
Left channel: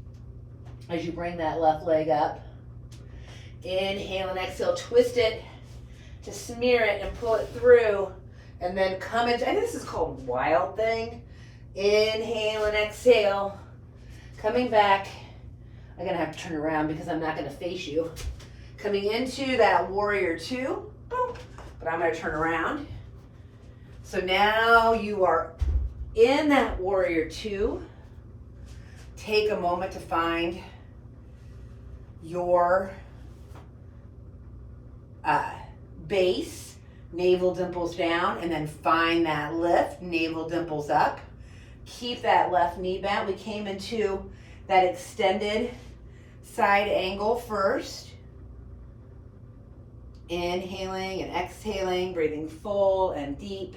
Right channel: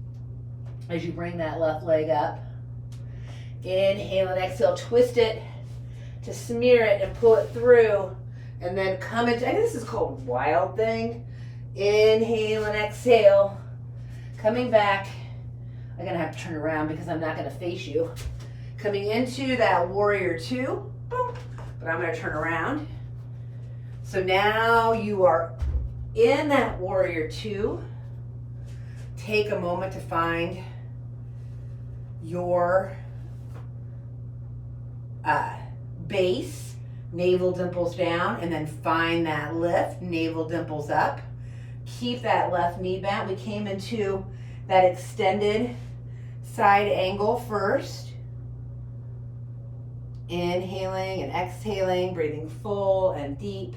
as you bring that left leg up. Inhale and exhale, twist it to smear it and pull it through, and then come into, I think this is called Wild Thing. Inhale and exhale, coming back. I'm gonna have to turn around because I'm not gonna face you. Coming into that warrior two, boom, but I'm gonna turn around. So now you are in that warrior two. Take a moment to find your base, navel dimples down, and then find that lift, navel dimples up. Keep that left knee bent. We came into that extended side angle first. Inhaling and exhaling, breathing full and deep.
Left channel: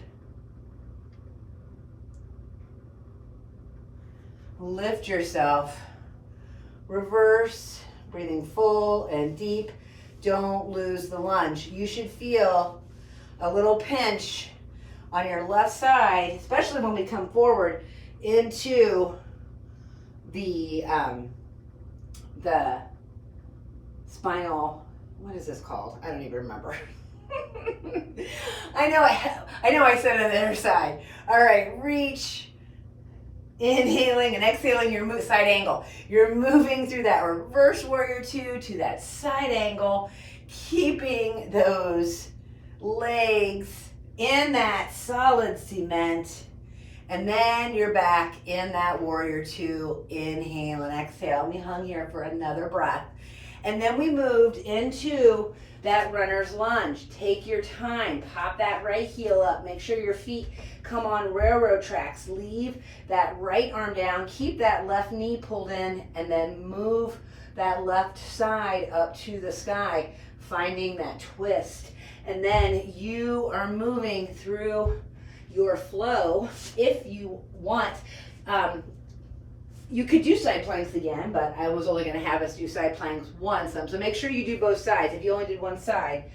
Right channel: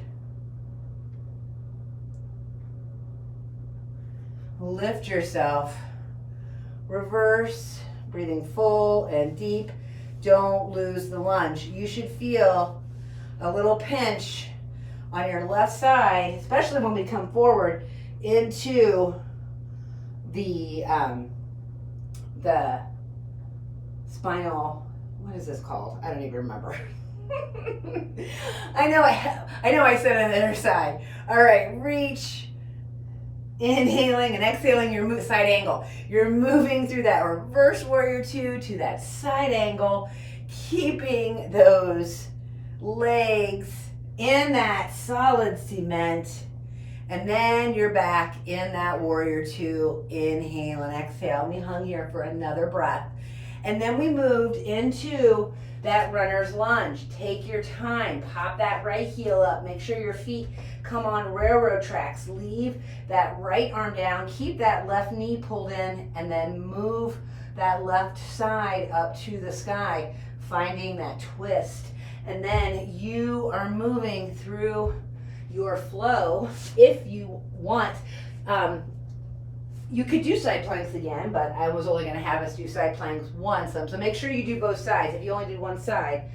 Lift yourself. Reverse, breathing full and deep. Don't lose the lunge. You should feel a little pinch on your left side, especially when we come forward into the spinal, what is this called? I don't even remember. I know I said it on the other side. All right, reach. Inhaling and exhaling your side angle. You're moving through that reverse warrior two to that side angle, keeping those legs in that solid cement. And then you're back in that warrior two. Inhale and exhale. We hung here for another breath. And then we moved into that runner's lunge. Take your time. Pop that right heel up. Make sure your feet come on railroad tracks. Leave that right arm down. Keep that left knee pulled in, and then move that left side up to the sky, finding that twist. And then you are moving through your flow. If you want, you could do side planks again, but I was only going to have us do side planks once. So make sure you do both sides. If you only did one side,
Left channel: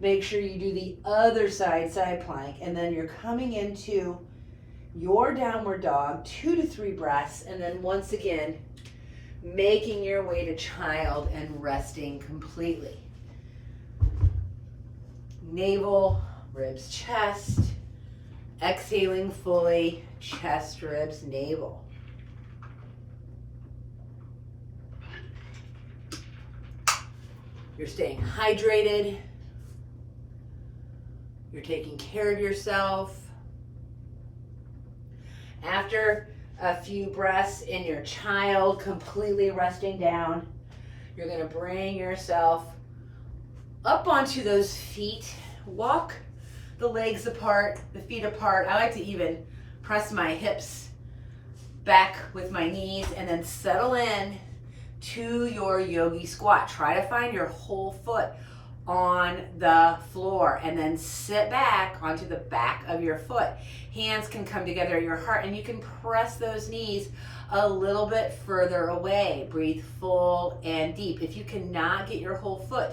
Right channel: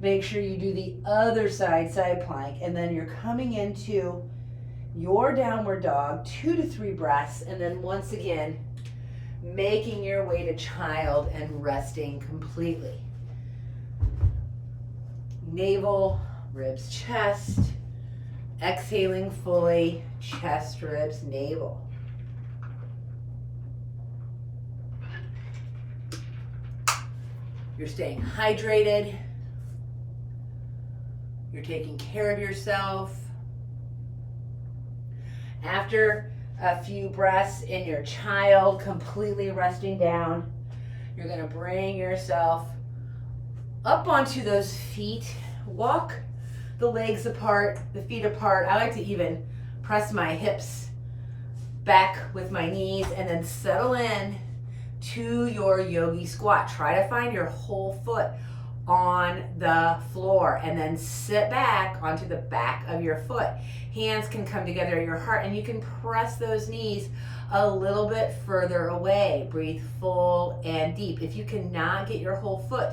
make sure you do the other side plank, and then you're coming into your downward dog, 2 to 3 breaths, and then once again, making your way to child and resting completely. Navel, ribs, chest, exhaling fully, chest, ribs, navel. You're staying hydrated. You're taking care of yourself. After a few breaths in your child, completely resting down, you're going to bring yourself up onto those feet. Walk the legs apart, the feet apart. I like to even press my hips back with my knees and then settle in to your yogi squat. Try to find your whole foot on the floor, and then sit back onto the back of your foot. Hands can come together at your heart, and you can press those knees a little bit further away. Breathe full and deep. If you cannot get your whole foot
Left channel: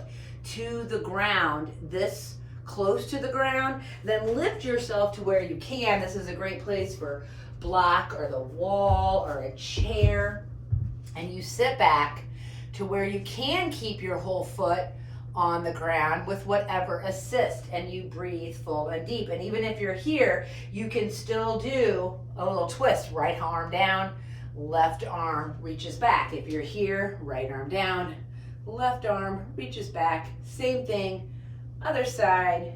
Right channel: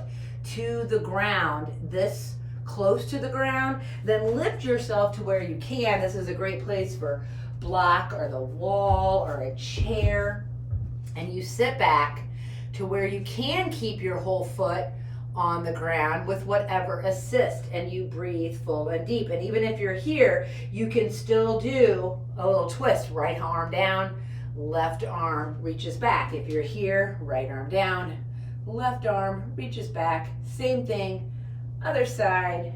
to the ground, this close to the ground, then lift yourself to where you can. This is a great place for block or the wall or a chair. And you sit back to where you can keep your whole foot on the ground with whatever assist, and you breathe full and deep. And even if you're here, you can still do a little twist. Right arm down, left arm reaches back. If you're here, right arm down, left arm reaches back. Same thing, other side,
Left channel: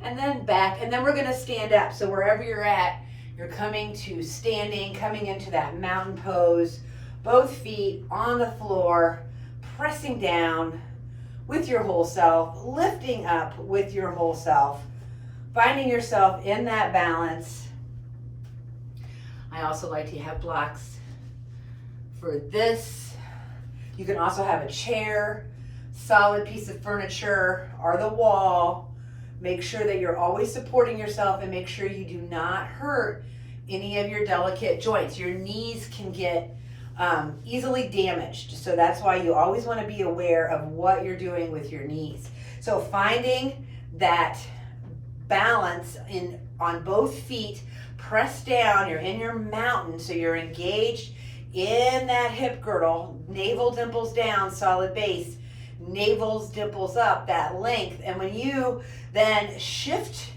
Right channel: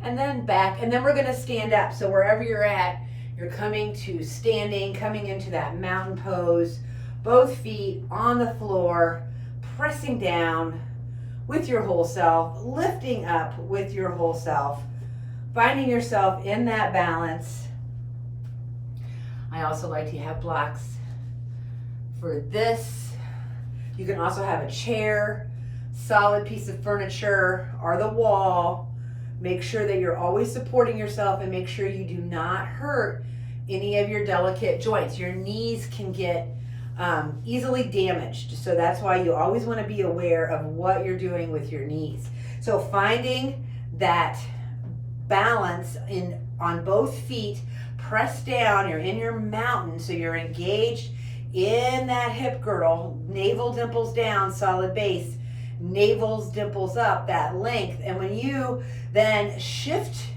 and then back. And then we're gonna stand up. So wherever you're at, you're coming to standing, coming into that mountain pose, both feet on the floor, pressing down with your whole self, lifting up with your whole self, finding yourself in that balance. I also like to have blocks for this. You can also have a chair, solid piece of furniture, or the wall. Make sure that you're always supporting yourself, and make sure you do not hurt any of your delicate joints. Your knees can get easily damaged. So that's why you always want to be aware of what you're doing with your knees. So finding that balance on both feet, press down, you're in your mountain, so you're engaged in that hip girdle, navel dimples down, solid base, navel's dimples up, that length. And when you then shift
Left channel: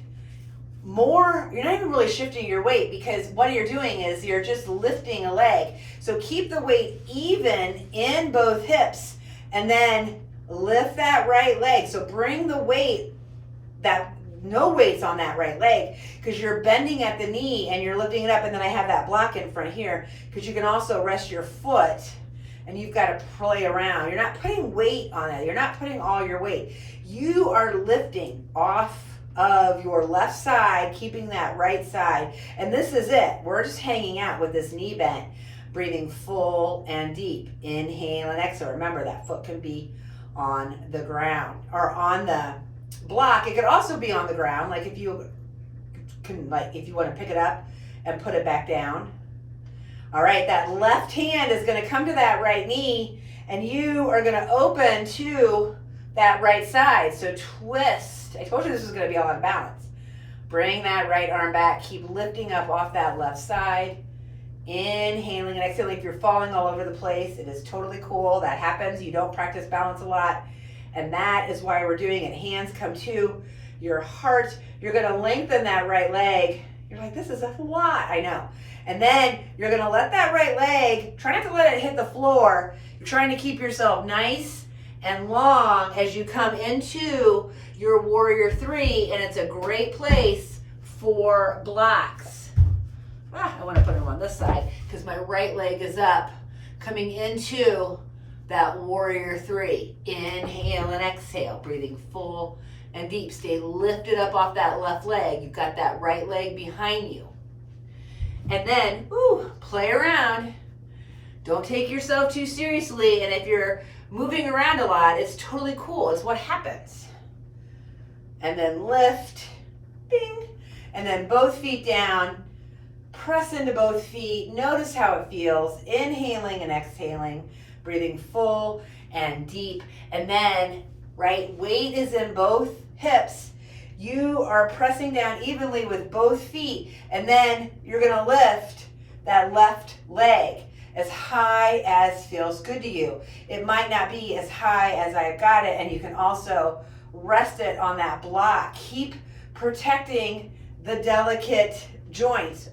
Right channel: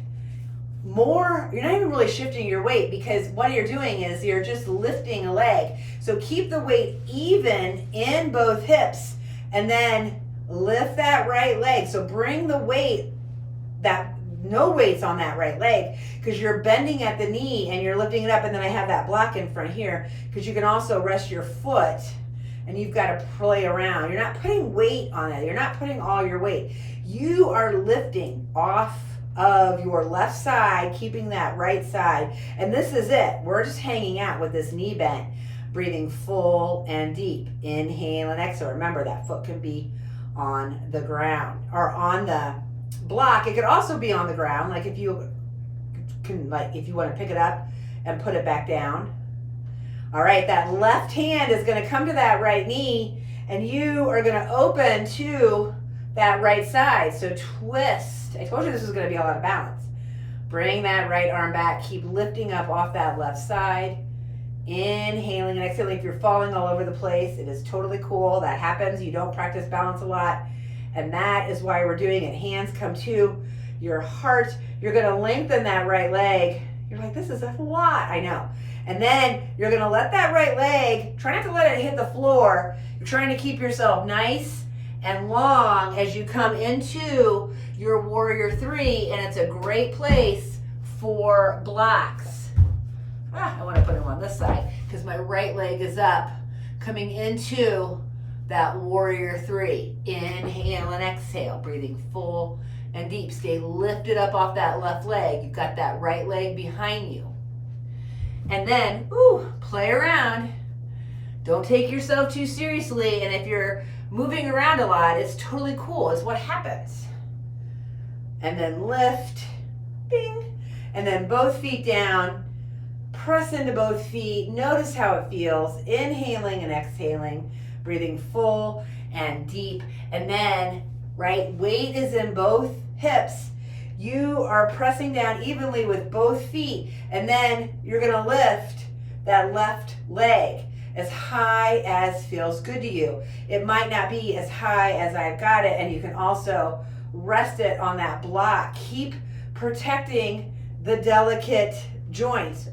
more, you're not even really shifting your weight, because what you're doing is you're just lifting a leg. So keep the weight even in both hips and then lift that right leg. So bring the weight, that no weights on that right leg, because you're bending at the knee and you're lifting it up. And then I have that block in front here, because you can also rest your foot and you've got to play around. You're not putting weight on it. You're not putting all your weight. You are lifting off of your left side, keeping that right side. And this is it. We're just hanging out with this knee bent, breathing full and deep. Inhale and exhale. Remember, that foot can be on the ground or on the block. It could also be on the ground, like if you can, like if you want to pick it up and put it back down. All right, that left hand is going to come to that right knee, and you are going to open to that right side. So twist. I told you this was going to be all out of balance. Bring that right arm back. Keep lifting up off that left side. Inhaling and exhaling. If you're falling all over the place, it is totally cool. That happens. You don't practice balance a lot. And that is why we're doing it. Hands come to your heart. You're going to lengthen that right leg. You're like, this is a lot. I know. And then you're going to let that right leg, try not to let it hit the floor. You're trying to keep yourself nice and long as you come into your warrior three. And it's a great place for blocks. I want to put them on this side because my right leg is up, coming into that warrior three. Inhale and exhale, breathing full and deep. Stay lifted up off that left leg. You've got that right leg behind you. And then, play around. Don't take yourself too seriously. And if you're moving around a lot, it's totally cool. It's what happens. And then lift, bing. And then both feet down. Press into both feet. Notice how it feels. Inhaling and exhaling. Breathing full and deep. And then, right, weight is in both hips. You are pressing down evenly with both feet. And then you're going to lift that left leg as high as feels good to you. It might not be as high as I've got it. And you can also rest it on that block. Keep protecting the delicate joints.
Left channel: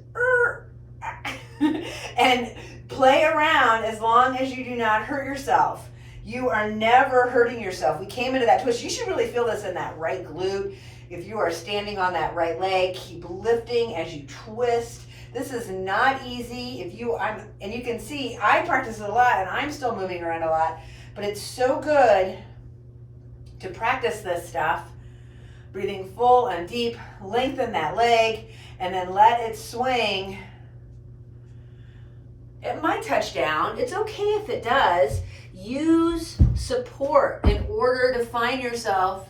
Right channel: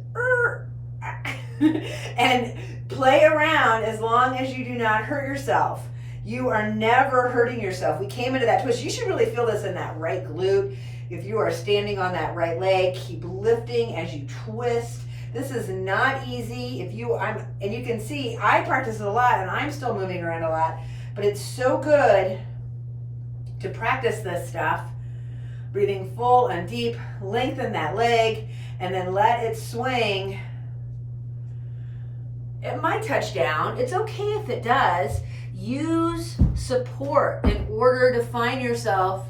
And play around as long as you do not hurt yourself. You are never hurting yourself. We came into that twist. You should really feel this in that right glute. If you are standing on that right leg, keep lifting as you twist. This is not easy. And you can see I practice it a lot and I'm still moving around a lot, but it's so good to practice this stuff. Breathing full and deep, lengthen that leg, and then let it swing. It might touch down. It's okay if it does. Use support in order to find yourself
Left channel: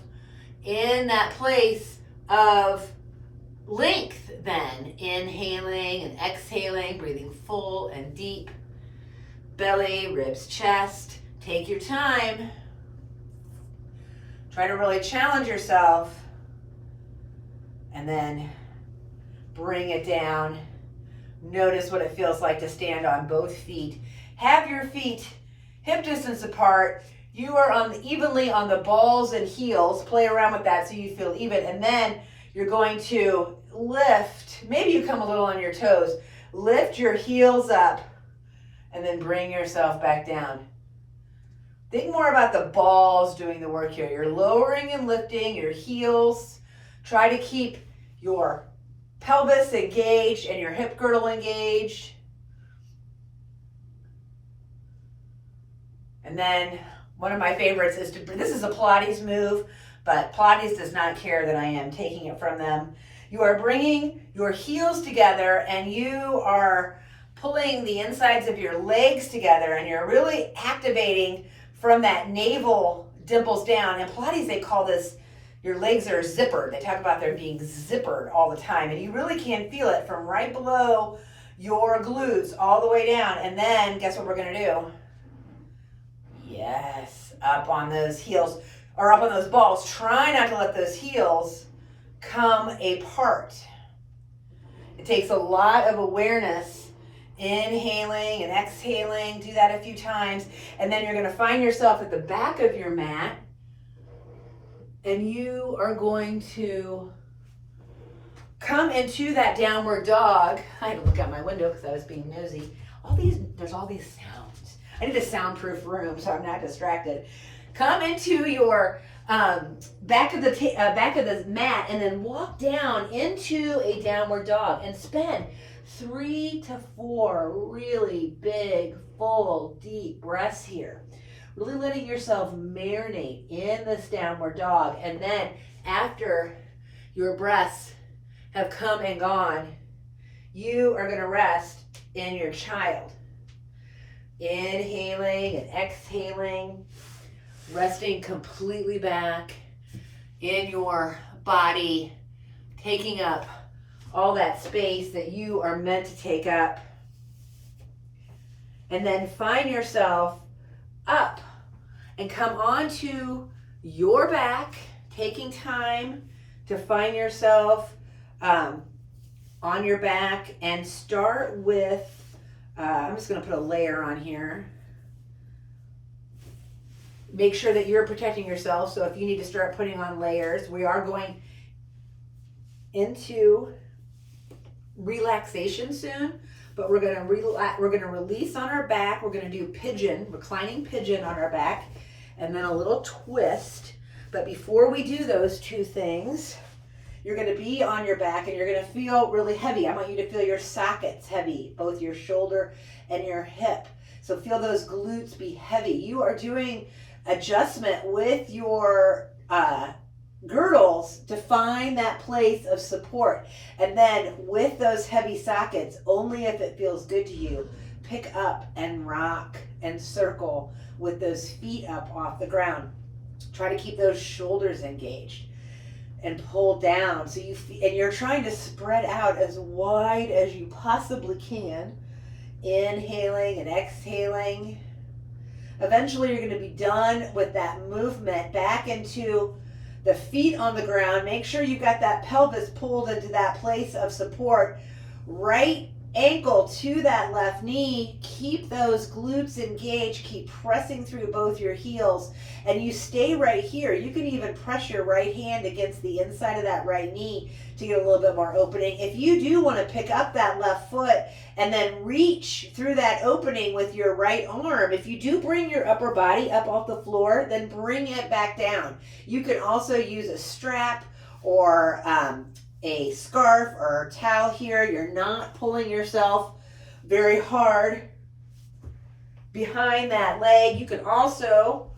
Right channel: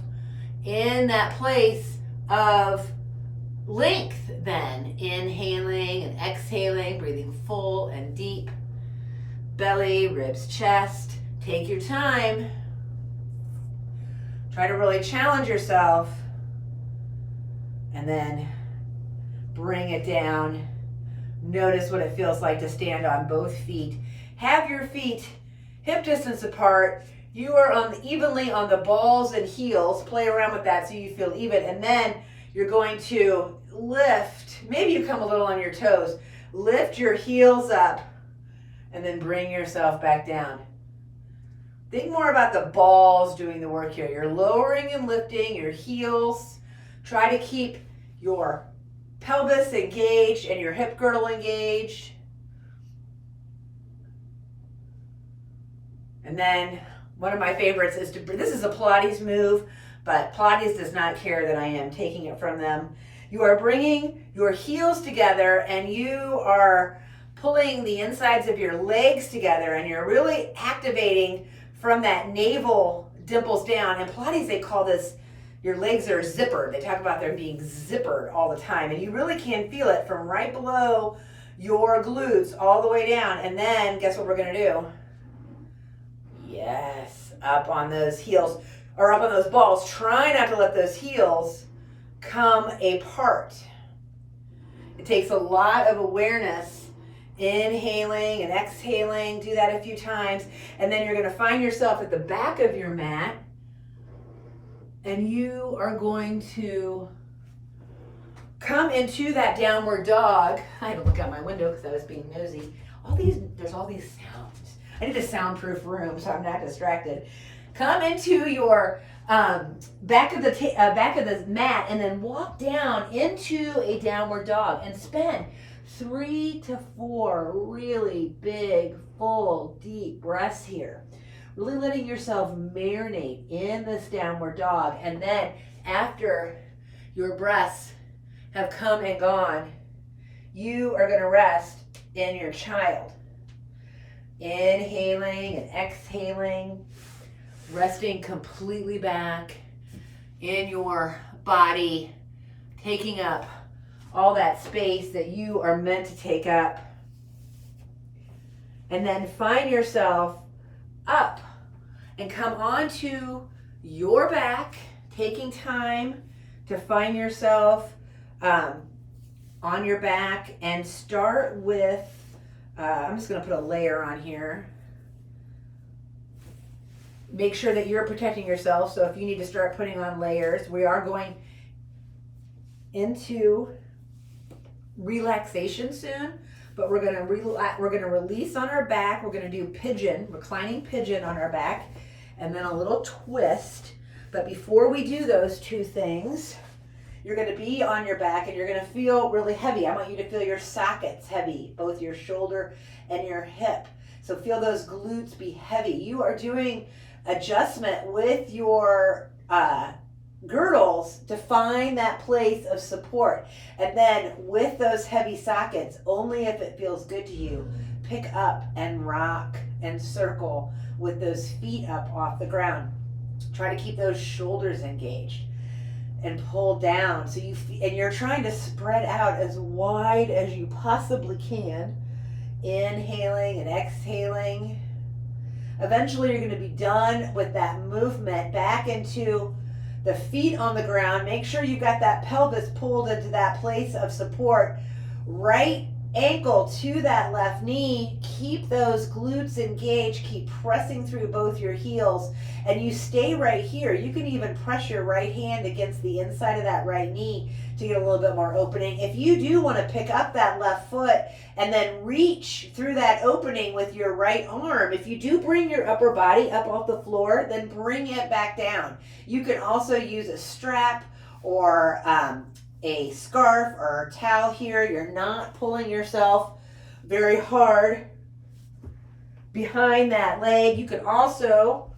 in that place of length then. Inhaling and exhaling, breathing full and deep. Belly, ribs, chest. Take your time. Try to really challenge yourself. And then bring it down. Notice what it feels like to stand on both feet. Have your feet hip distance apart. You are evenly on the balls and heels. Play around with that so you feel even. And then you're going to lift. Maybe you come a little on your toes. Lift your heels up and then bring yourself back down. Think more about the balls doing the work here. You're lowering and lifting your heels. Try to keep your pelvis engaged and your hip girdle engaged. And then one of my favorites is this is a Pilates move, but Pilates does not care that I am taking it from them. You are bringing your heels together and you are pulling the insides of your legs together, and you're really activating from that navel dimples down. In Pilates, they call this, your legs are zippered. They talk about them being zippered all the time, and you really can feel it from right below your glutes all the way down. And then guess what we're gonna do? Yes, up on those heels, or up on those balls. Try not to let those heels come apart. It takes a lot of awareness Inhaling and exhaling. Do that a few times. And then you're going to find yourself at the back of your mat. And you are going to come into that downward dog. I had to look out my window because I was being nosy. There's all these sounds. I need a soundproof room so I'm not distracted. Come into your back of the mat and then walk down into a downward dog and spend 3 to 4 really big, full, deep breaths here. Really letting yourself marinate in this downward dog. And then after your breaths have come and gone, you are going to rest in your child. Inhaling and exhaling, resting completely back in your body, taking up all that space that you are meant to take up. And then find yourself up and come onto your back, taking time to find yourself on your back, and start with, I'm just going to put a layer on here. Make sure that you're protecting yourself. So if you need to start putting on layers, we are going into relaxation soon, but we're going to release on our back. We're going to do pigeon, reclining pigeon on our back, and then a little twist. But before we do those two things, you're going to be on your back and you're going to feel really heavy. I want you to feel your sockets heavy, both your shoulder and your hip. So feel those glutes be heavy. You are doing adjustment with your girdles to find that place of support. And then with those heavy sockets, only if it feels good to you, pick up and rock and circle with those feet up off the ground. Try to keep those shoulders engaged and pull down. So you're trying to spread out as wide as you possibly can. Inhaling and exhaling. Eventually you're going to be done with that movement back into the feet on the ground. Make sure you've got that pelvis pulled into that place of support. Right ankle to that left knee. Keep those glutes engaged. Keep pressing through both your heels. And you stay right here. You can even press your right hand against the inside of that right knee to get a little bit more opening. If you do want to pick up that left foot and then reach through that opening with your right arm, if you do bring your upper body up off the floor, then bring it back down. You can also use a strap or a scarf or a towel here. You're not pulling yourself very hard behind that leg. You can also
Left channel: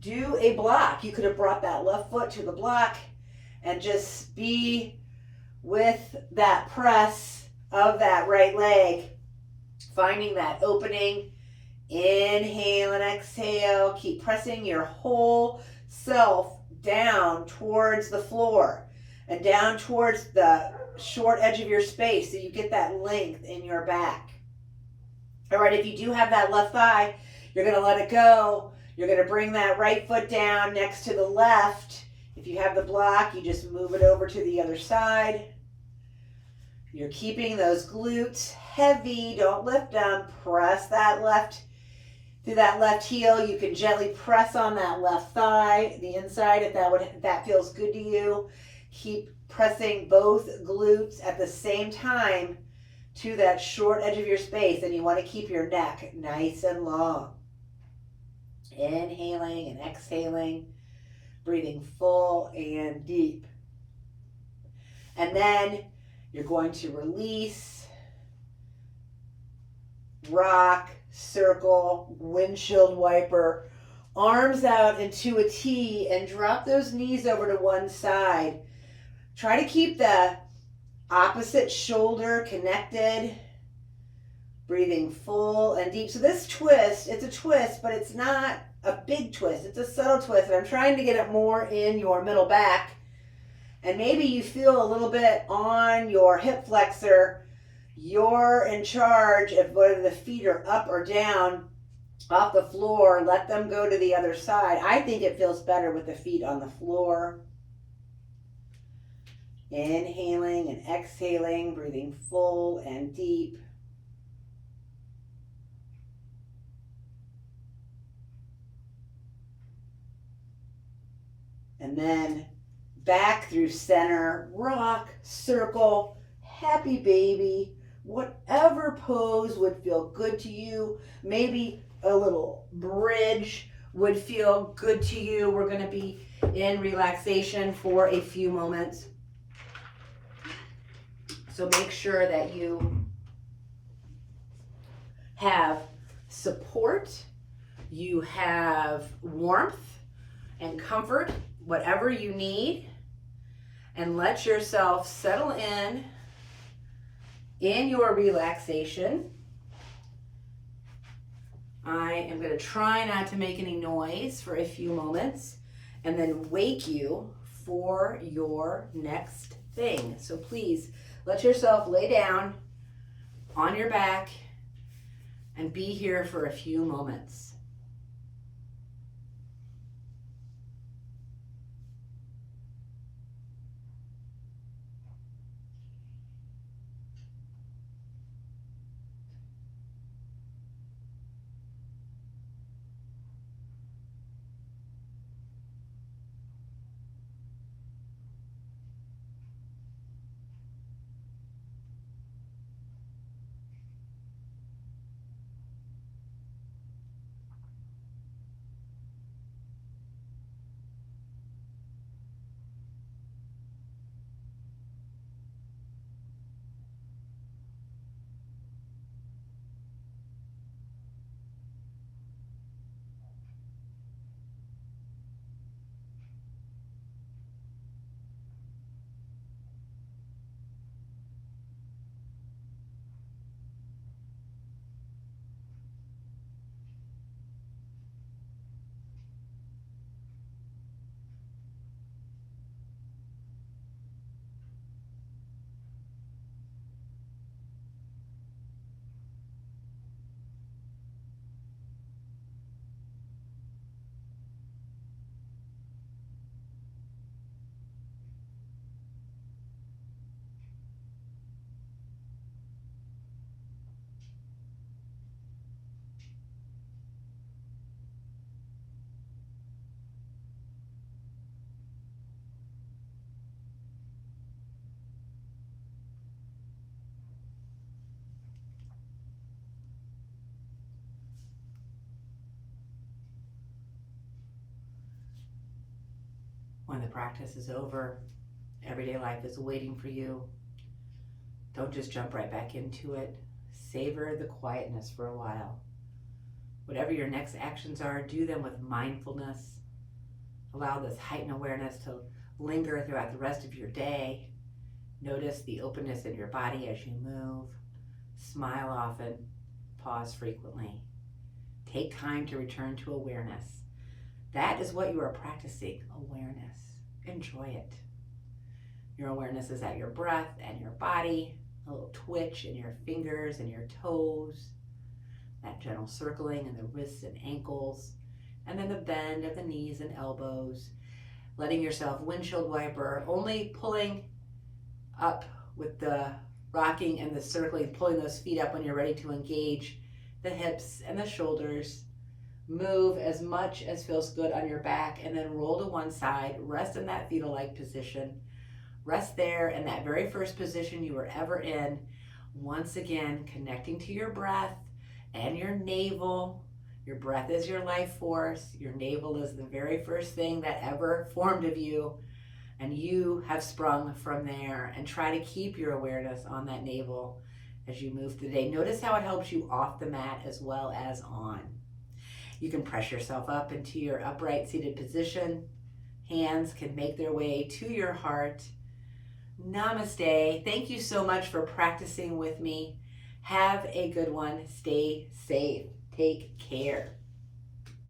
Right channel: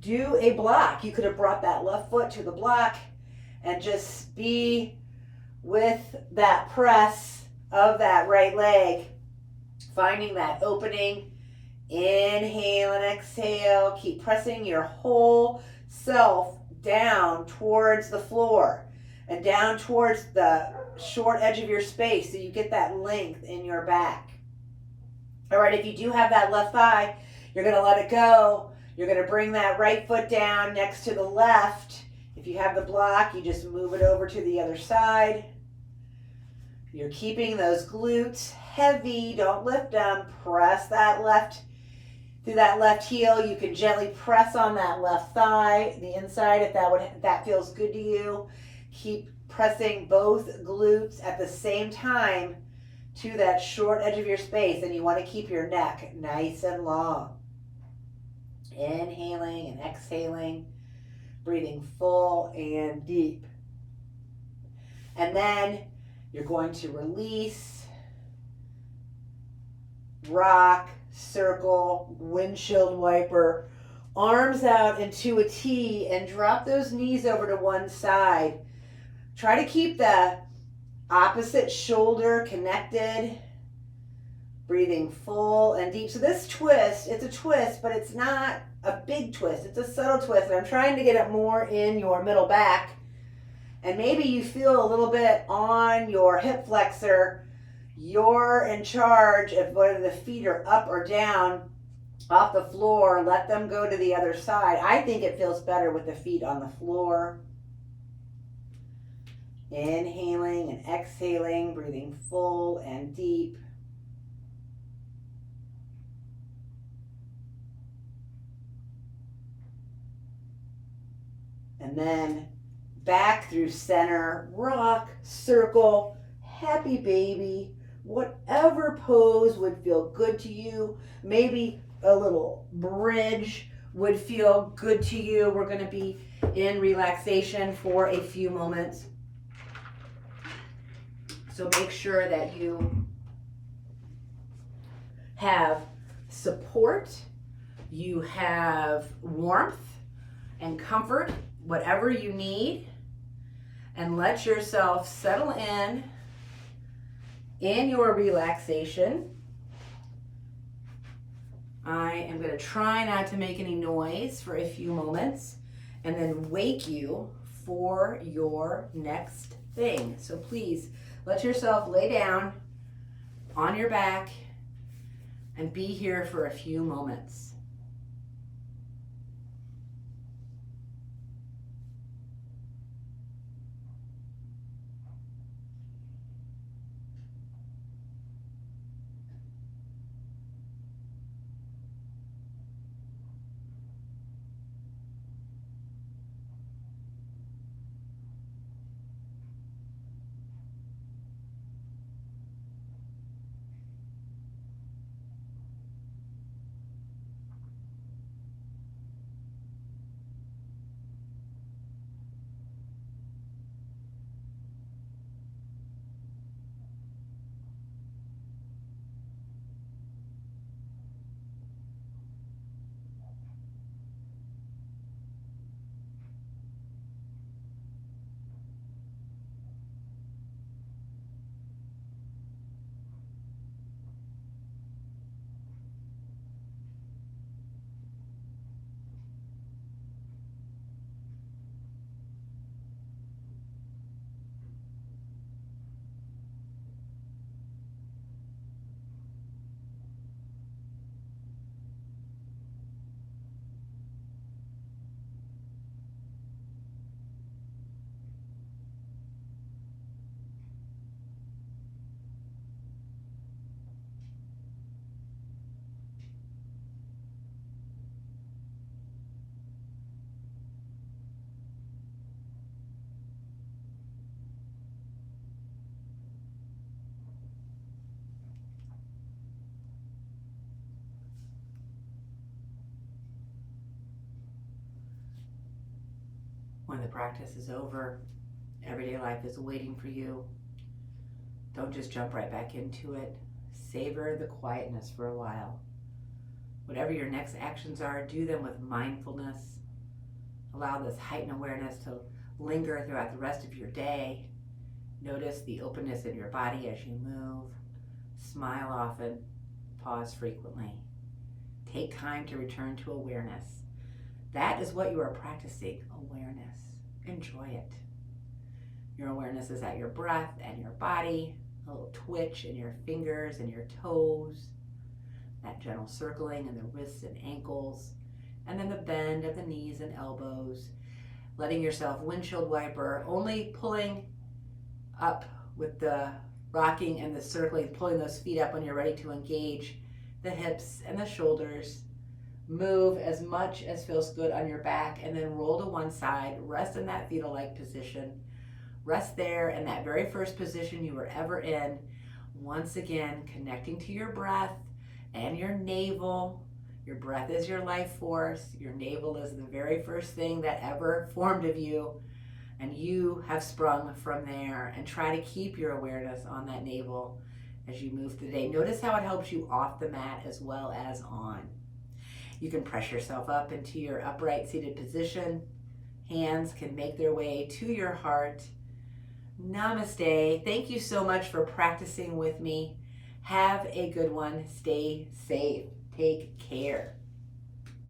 do a block. You could have brought that left foot to the block and just be with that press of that right leg, finding that opening. Inhale and exhale. Keep pressing your whole self down towards the floor and down towards the short edge of your space so you get that length in your back. All right, if you do have that left thigh, you're going to let it go. You're going to bring that right foot down next to the left. If you have the block, you just move it over to the other side. You're keeping those glutes heavy. Don't lift them. Press that left through that left heel. You can gently press on that left thigh, the inside, if that feels good to you. Keep pressing both glutes at the same time to that short edge of your space, and you want to keep your neck nice and long. Inhaling and exhaling, breathing full and deep. And then you're going to release, rock, circle, windshield wiper, arms out into a T, and drop those knees over to one side. Try to keep the opposite shoulder connected, breathing full and deep. So this twist, it's a twist, but it's not a big twist. It's a subtle twist. And I'm trying to get it more in your middle back. And maybe you feel a little bit on your hip flexor. You're in charge of whether the feet are up or down off the floor. Let them go to the other side. I think it feels better with the feet on the floor. Inhaling and exhaling, breathing full and deep. And then back through center, rock, circle, happy baby, whatever pose would feel good to you. Maybe a little bridge would feel good to you. We're going to be in relaxation for a few moments. So make sure that you have support, you have warmth and comfort, whatever you need, and let yourself settle in your relaxation. I am going to try not to make any noise for a few moments and then wake you for your next thing. So please let yourself lay down on your back and be here for a few moments. When the practice is over, everyday life is waiting for you. Don't just jump right back into it. Savor the quietness for a while. Whatever your next actions are, do them with mindfulness. Allow this heightened awareness to linger throughout the rest of your day. Notice the openness in your body as you move. Smile often. Pause frequently. Take time to return to awareness. That is what you are practicing, awareness. Enjoy it. Your awareness is at your breath and your body, a little twitch in your fingers and your toes, that gentle circling in the wrists and ankles, and then the bend of the knees and elbows, letting yourself windshield wiper, only pulling up with the rocking and the circling, pulling those feet up when you're ready to engage the hips and the shoulders. Move as much as feels good on your back and then roll to one side. Rest in that fetal-like position. Rest there in that very first position you were ever in. Once again, connecting to your breath and your navel. Your breath is your life force. Your navel is the very first thing that ever formed of you. And you have sprung from there. And try to keep your awareness on that navel as you move through the day. Notice how it helps you off the mat as well as on. You can press yourself up into your upright seated position. Hands can make their way to your heart. Namaste. Thank you so much for practicing with me. Have a good one. Stay safe. Take care.